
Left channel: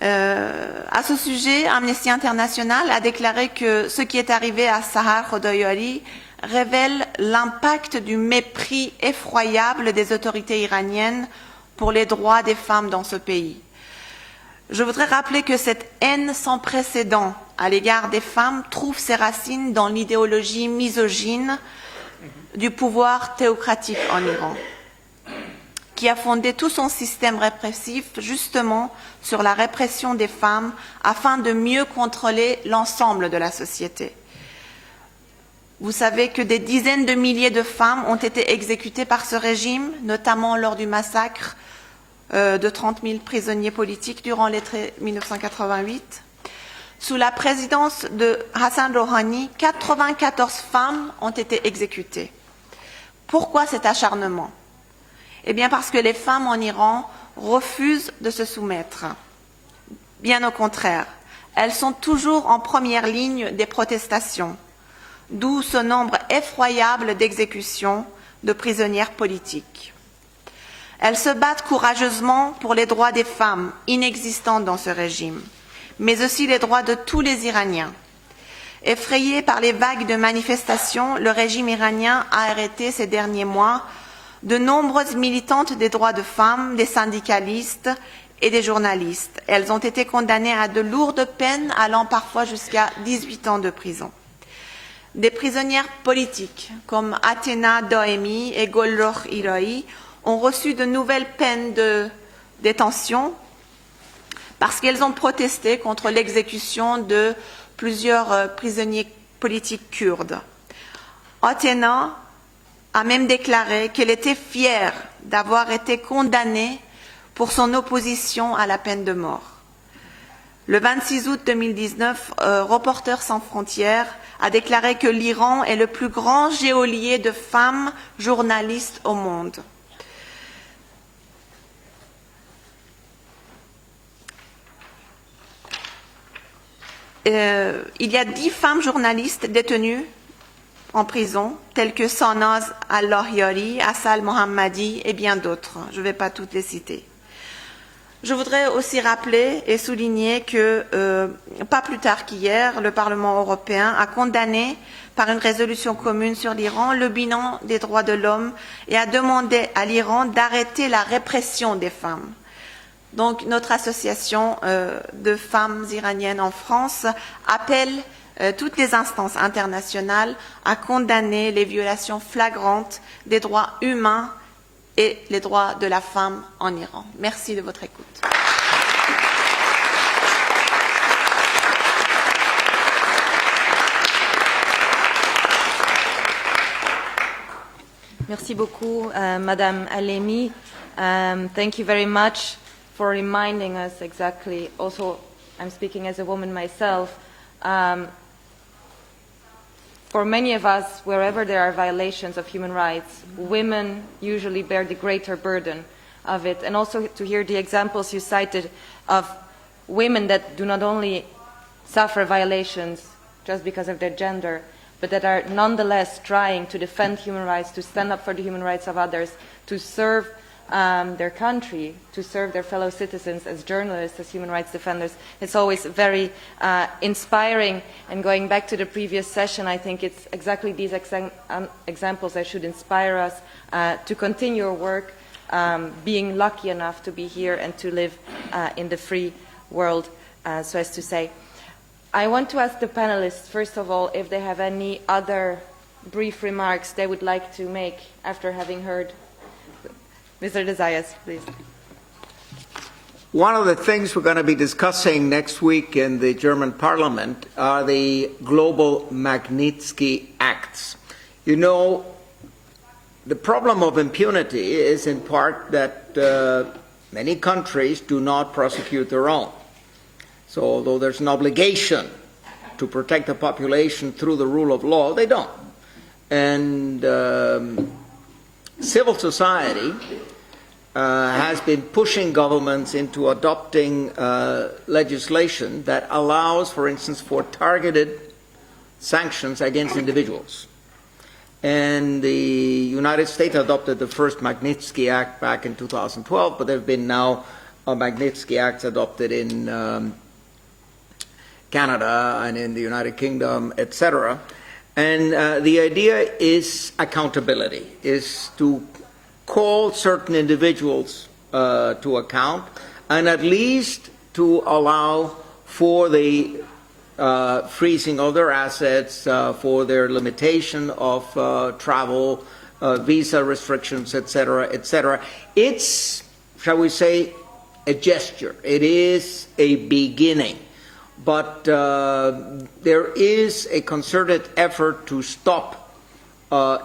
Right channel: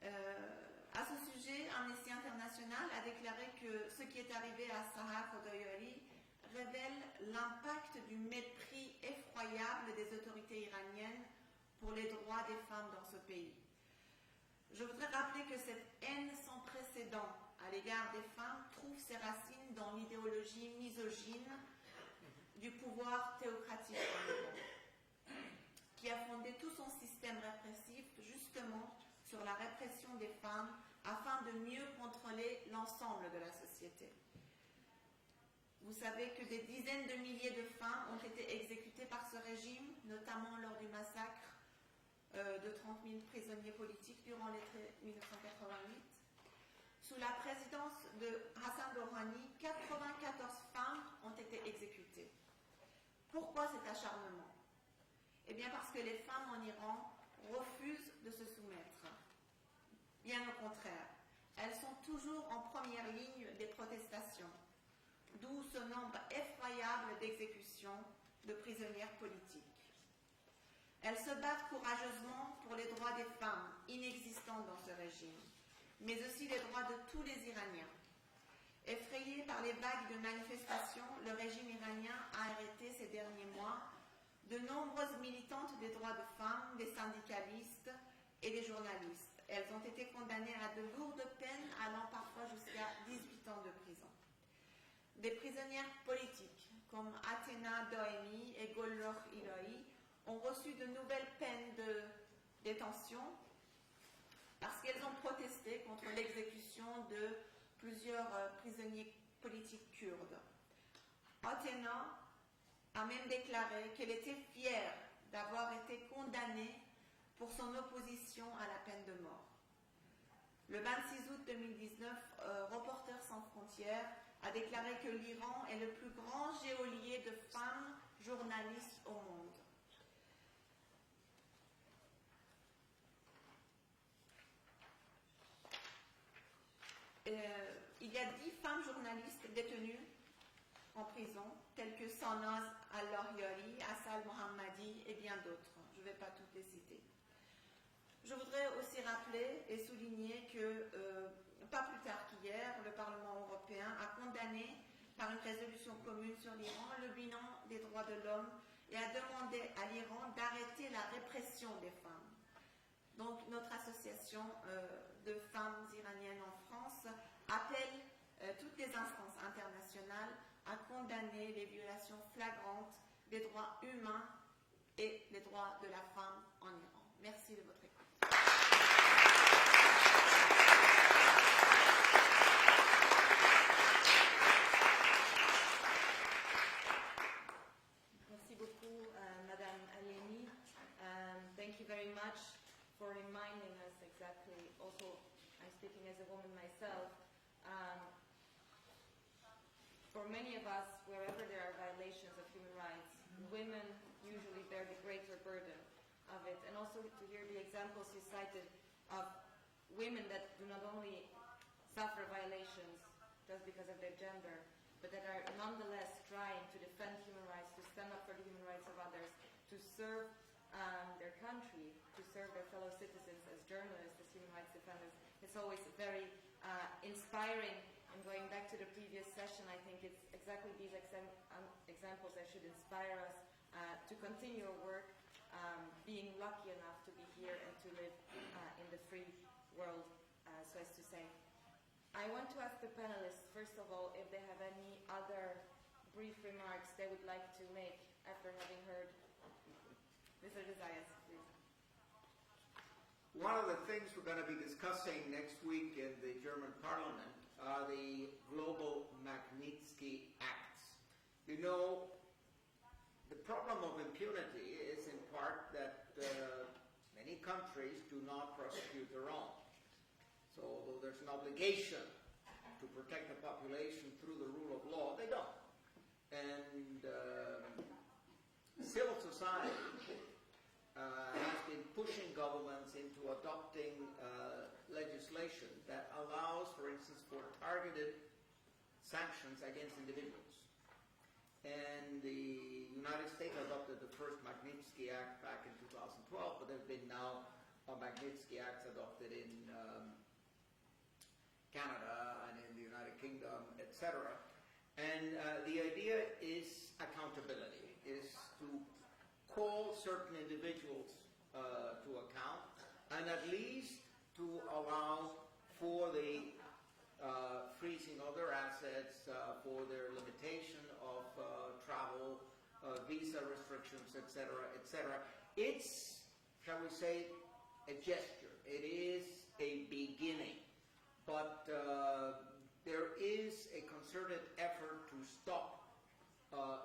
À ce sujet, Amnesty International a déclaré que ce qui est arrivé à Sahar Khodoyari révèle l'impact du mépris effroyable des autorités iraniennes pour les droits des femmes dans ce pays. Je voudrais rappeler que cette haine sans précédent à l'égard des femmes trouve ses racines dans l'idéologie misogyne du pouvoir théocratique en Iran, qui a fondé tout son système répressif justement sur la répression des femmes afin de mieux contrôler l'ensemble de la société. Vous savez que des dizaines de milliers de femmes ont été exécutées par ce régime, notamment lors du massacre de 30 000 prisonniers politiques durant l'été 1988. Sous la présidence de Hassan Rouhani, 94 femmes ont été exécutées. Pourquoi cet acharnement ? Eh bien parce que les femmes en Iran refusent de se soumettre. Bien au contraire, elles sont toujours en première ligne des protestations, d'où ce nombre effroyable d'exécutions de prisonnières politiques. Elles se battent courageusement pour les droits des femmes inexistants dans ce régime, mais aussi les droits de tous les Iraniens. Effrayé par les vagues de manifestations, le régime iranien a arrêté ces derniers mois de nombreuses militantes des droits de femmes, des syndicalistes et des journalistes. Elles ont été condamnées à de lourdes peines allant parfois jusqu'à 18 ans de prison. Des prisonnières politiques comme Athéna Doemi et Golrokh Irai ont reçu de nouvelles peines de détention parce qu'elles ont protesté contre l'exécution de plusieurs prisonniers politiques kurdes. Athéna a même déclaré qu'elle était fière d'avoir été condamnée pour son opposition à la peine de mort. Le 26 août 2019, Reporters sans frontières a déclaré que l'Iran est le plus grand geôlier de femmes journalistes au monde. Il y a 10 femmes journalistes détenues en prison, telles que Sanaz Al-Lahyari, Asal Mohammadi et bien d'autres. Je ne vais pas toutes les citer. Je voudrais aussi rappeler et souligner que, pas plus tard qu'hier, le Parlement européen a condamné par une résolution commune sur l'Iran le bilan des droits de l'homme et a demandé à l'Iran d'arrêter la répression des femmes. Donc notre association de femmes iraniennes en France appelle toutes les instances internationales à condamner les violations flagrantes des droits humains et les droits de la femme en Iran. Merci de votre écoute. Merci beaucoup, Madame Alemi. Thank you very much for reminding us exactly. Also, I'm speaking as a woman myself. For many of us, wherever there are violations of human rights, women usually bear the greater burden of it. And also to hear the examples you cited of women that do not only suffer violations just because of their gender, but that are nonetheless trying to defend human rights, to stand up for the human rights of others, to serve their country, to serve their fellow citizens as journalists, as human rights defenders. It's always very inspiring. And going back to the previous session, I think it's exactly these examples that should inspire us to continue our work, being lucky enough to be here and to live in the free world, so as to say. I want to ask the panelists, first of all, if they have any other brief remarks they would like to make after having heard. Mr. Desayas, please. One of the things we're going to be discussing next week in the German Parliament are the global Magnitsky Acts. You know, the problem of impunity is in part that many countries do not prosecute their own. So although there's an obligation to protect the population through the rule of law, they don't. And civil society has been pushing governments into adopting legislation that allows, for instance, for targeted sanctions against individuals. And the United States adopted the first Magnitsky Act back in 2012, but there have been now Magnitsky Acts adopted in Canada and in the United Kingdom, etc. And the idea is accountability, is to call certain individuals to account, and at least to allow for the freezing of their assets, for their limitation of travel, visa restrictions, etc., etc. It's, shall we say, a gesture. It is a beginning. But there is a concerted effort to stop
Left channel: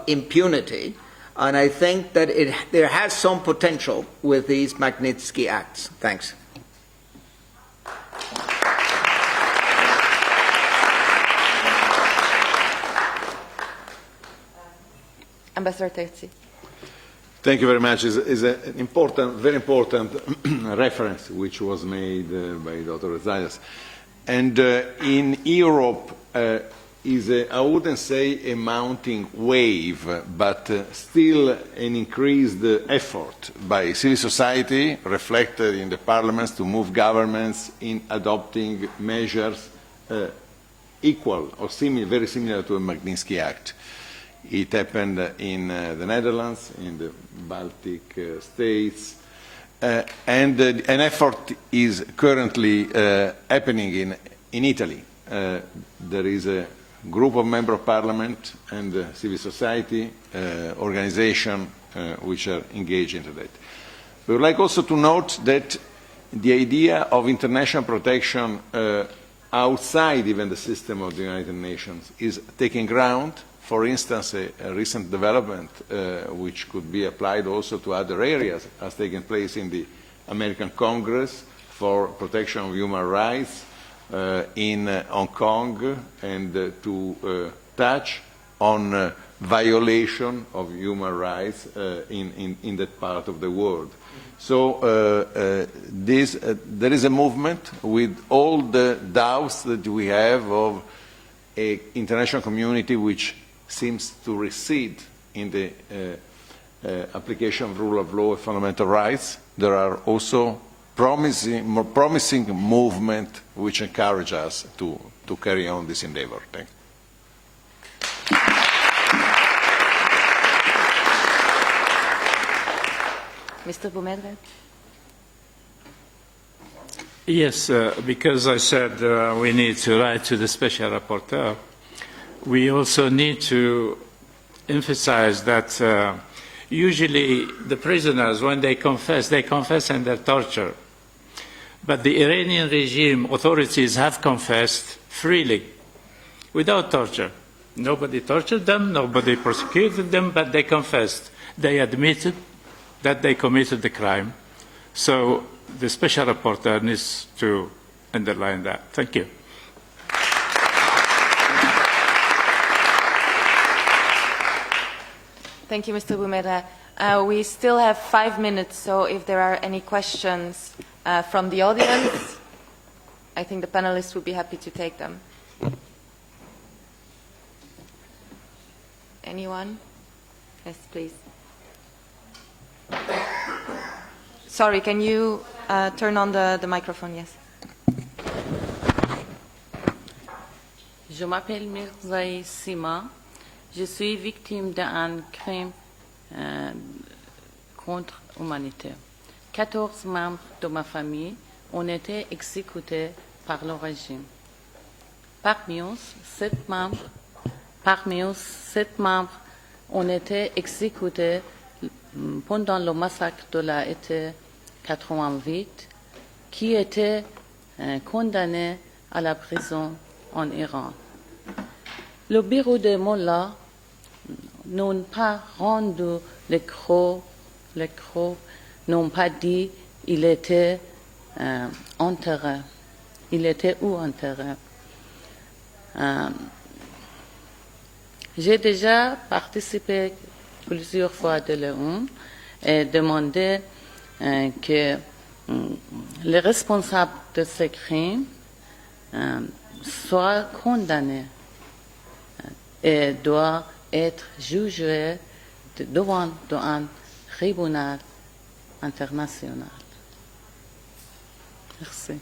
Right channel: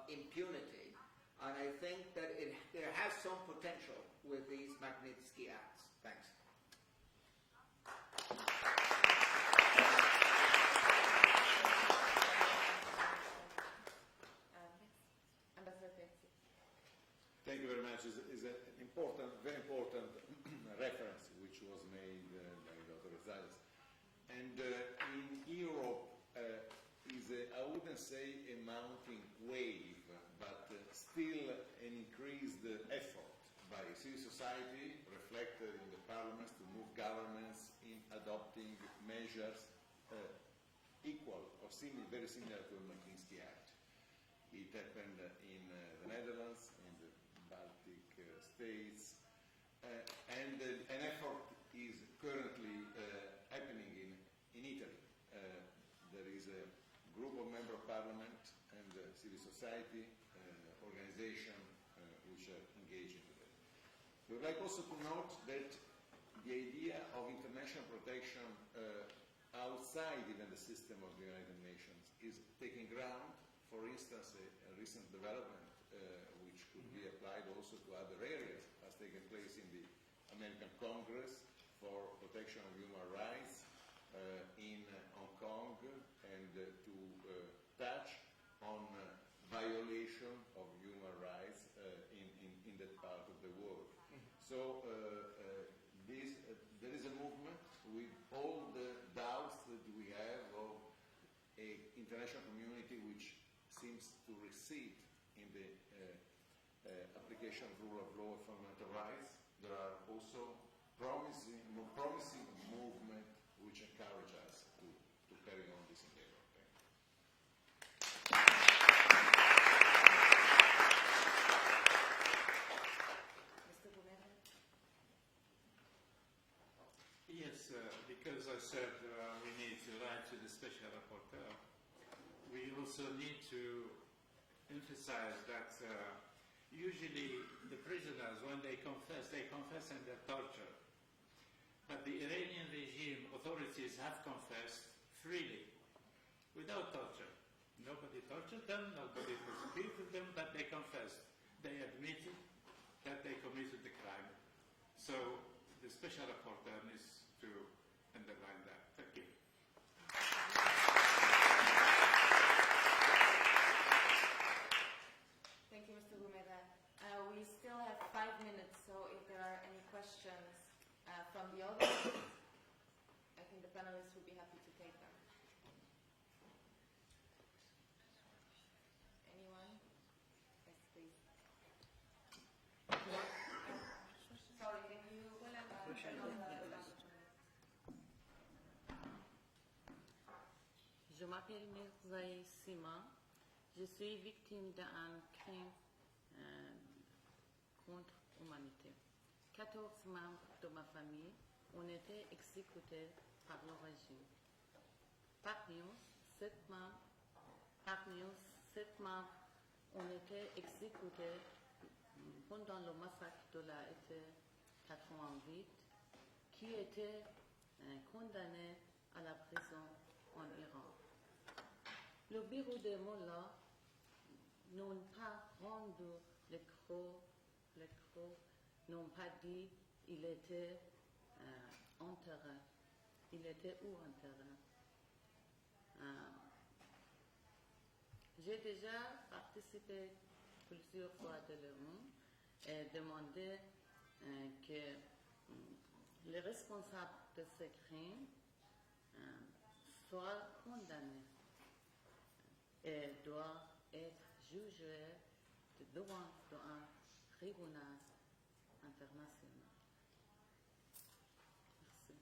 impunity. And I think that there has some potential with these Magnitsky Acts. Thanks. Ambassador Terzi. Thank you very much. It's an important, very important reference which was made by Dr. Zayas. And in Europe, is, I wouldn't say a mounting wave, but still an increased effort by civil society reflected in the parliaments to move governments in adopting measures equal or similar, very similar to a Magnitsky Act. It happened in the Netherlands, in the Baltic states, and an effort is currently happening in Italy. There is a group of member of parliament and civil society organization which are engaged into that. We would like also to note that the idea of international protection outside even the system of the United Nations is taking ground. For instance, a recent development which could be applied also to other areas has taken place in the American Congress for protection of human rights in Hong Kong, and to touch on violation of human rights in that part of the world. So there is a movement with all the doubts that we have of an international community which seems to recede in the application of rule of law and fundamental rights. There are also more promising movement which encourage us to carry on this endeavor. Thank you. Mr. Boumedre? Yes, because I said we need to write to the Special Rapporteur, we also need to emphasize that usually the prisoners, when they confess under torture. But the Iranian regime authorities have confessed freely, without torture. Nobody tortured them, nobody prosecuted them, but they confessed. They admitted that they committed the crime. So the Special Rapporteur needs to underline that. Thank you. Thank you, Mr. Boumedra. We still have 5 minutes, so if there are any questions from the audience, I think the panelists would be happy to take them. Anyone? Yes, please. Sorry, can you turn on the microphone? Yes. Je m'appelle Mirzaï Sima. Je suis victime d'un crime contre l'humanité. 14 membres de ma famille ont été exécutés par le régime. Parmi eux, 7 membres ont été exécutés pendant le massacre de l'été 88, qui étaient condamnés à la prison en Iran. Le bureau de Mollah n'ont pas rendu les crocs, n'ont pas dit il était enterré. Il était où enterré? J'ai déjà participé plusieurs fois de l'ONU et demandé que les responsables de ces crimes soient condamnés et doivent être jugés devant un tribunal international. Merci.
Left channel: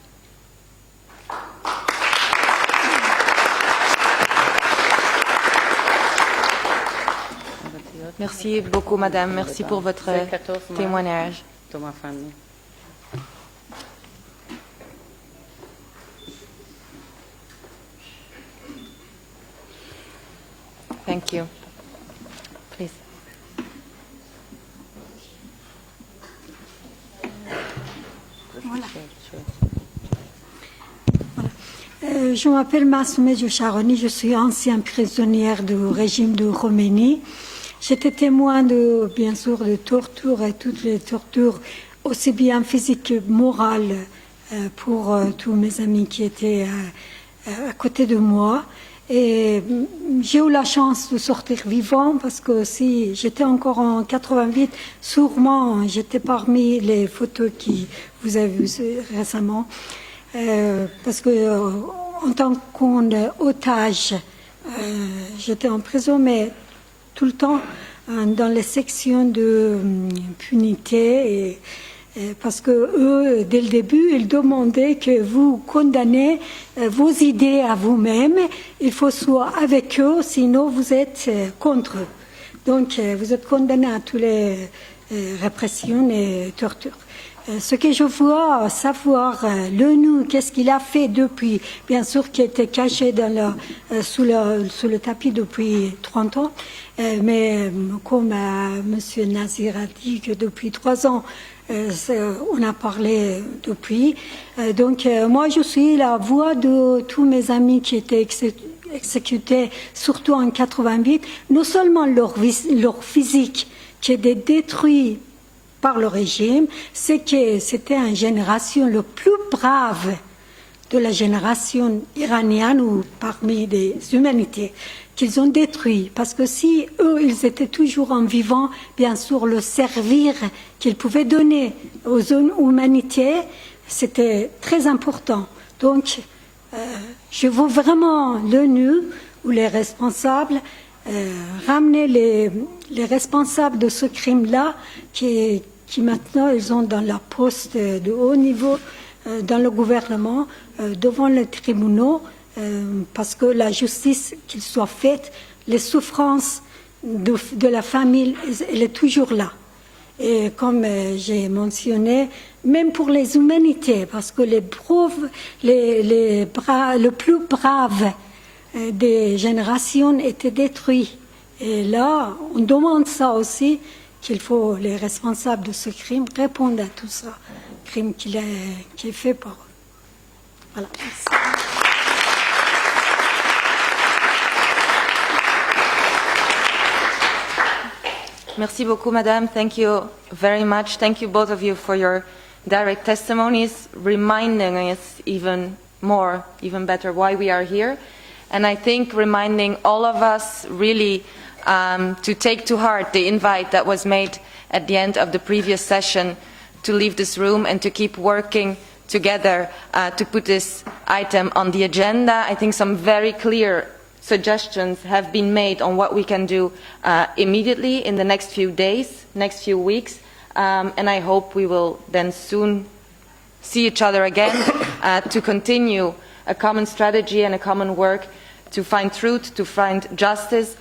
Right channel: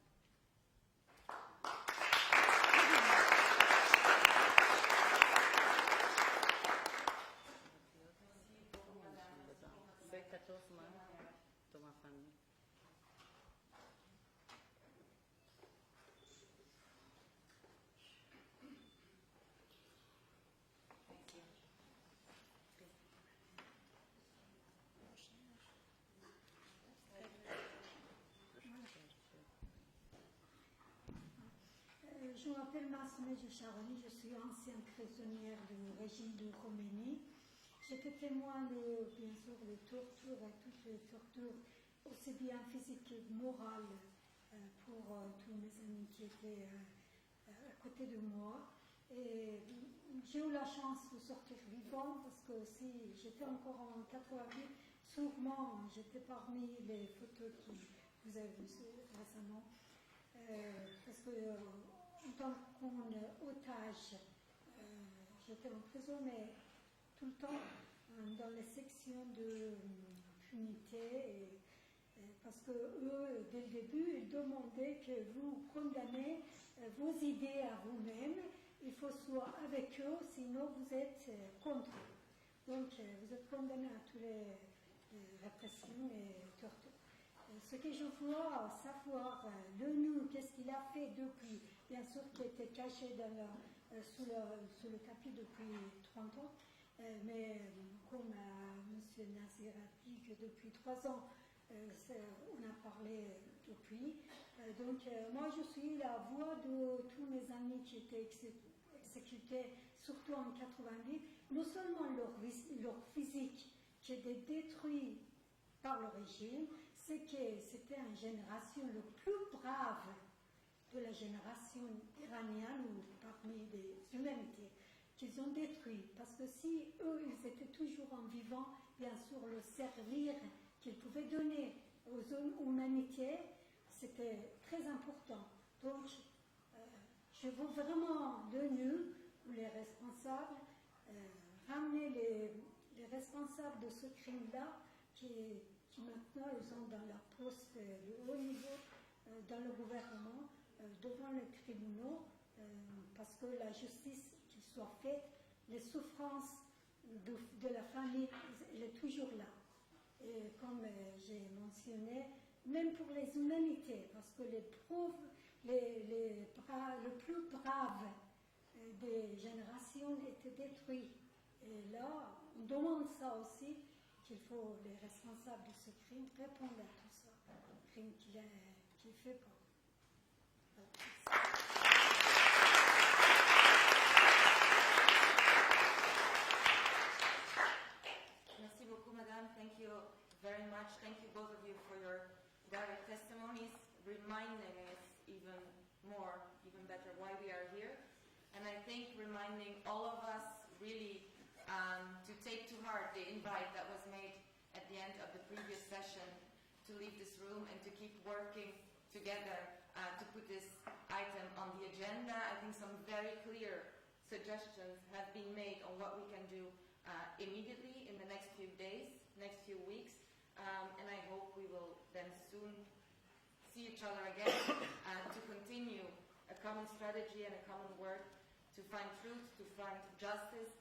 Merci beaucoup, madame. Merci pour votre témoignage. De ma famille. Thank you. Please. Voilà. Je m'appelle Massoumeh Djoucharoni, je suis ancienne prisonnière du régime de Khomeini. J'étais témoin bien sûr, de tortures et toutes les tortures, aussi bien physiques que morales, pour tous mes amis qui étaient à côté de moi. Et j'ai eu la chance de sortir vivant parce que si j'étais encore en 88, sûrement j'étais parmi les photos que vous avez vues récemment. Parce que en tant qu'otage, j'étais en prison, mais tout le temps dans les sections de punité. Parce que eux, dès le début, ils demandaient que vous condamnez vos idées à vous-même. Il faut soit avec eux, sinon vous êtes contre eux. Donc, vous êtes condamnés à toutes les répressions et tortures. Ce que je veux savoir, l'ONU, qu'est-ce qu'il a fait depuis, bien sûr, qui était caché sous le tapis depuis 30 ans, mais comme M. Nazir a dit que depuis 3 ans, on a parlé depuis. Donc, moi, je suis la voix de tous mes amis qui étaient exécutés, surtout en 88. Non seulement leur physique qui était détruit par le régime, c'est que c'était une génération le plus brave de la génération iranienne ou parmi les humanités qu'ils ont détruit. Parce que si eux, ils étaient toujours en vivant, bien sûr, le servir qu'ils pouvaient donner aux humanités, c'était très important. Donc, je veux vraiment l'ONU ou les responsables ramener les responsables de ce crime-là qui qui maintenant ils sont dans la poste de haut niveau dans le gouvernement, devant les tribunaux, parce que la justice qu'il soit faite, les souffrances de la famille, elle est toujours là. Et comme j'ai mentionné, même pour les humanités, parce que les le plus brave des générations étaient détruits. Et là, on demande ça aussi, qu'il faut, les responsables de ce crime, répondre à tout ça, crime qui est fait par eux. Voilà. Merci beaucoup, Madame. Thank you very much. Thank you, both of you, for your direct testimonies, reminding us even more, even better, why we are here. And I think reminding all of us really to take to heart the invite that was made at the end of the previous session to leave this room and to keep working together to put this item on the agenda. I think some very clear suggestions have been made on what we can do immediately in the next few days, next few weeks, and I hope we will then soon see each other again to continue a common strategy and a common work to find truth, to find justice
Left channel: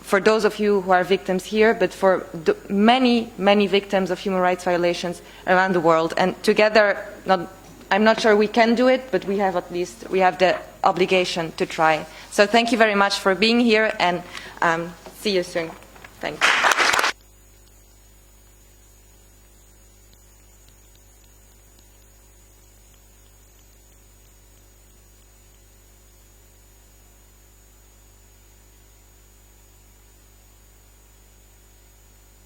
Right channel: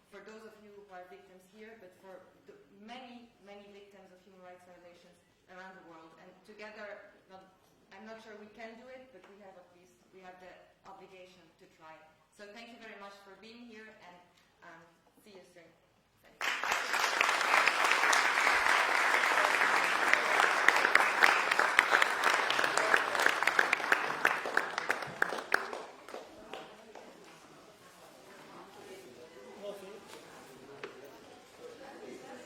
for those of you who are victims here, but for the many, many victims of human rights violations around the world. And together, I'm not sure we can do it, but we have the obligation to try. So thank you very much for being here, and see you soon. Thank you.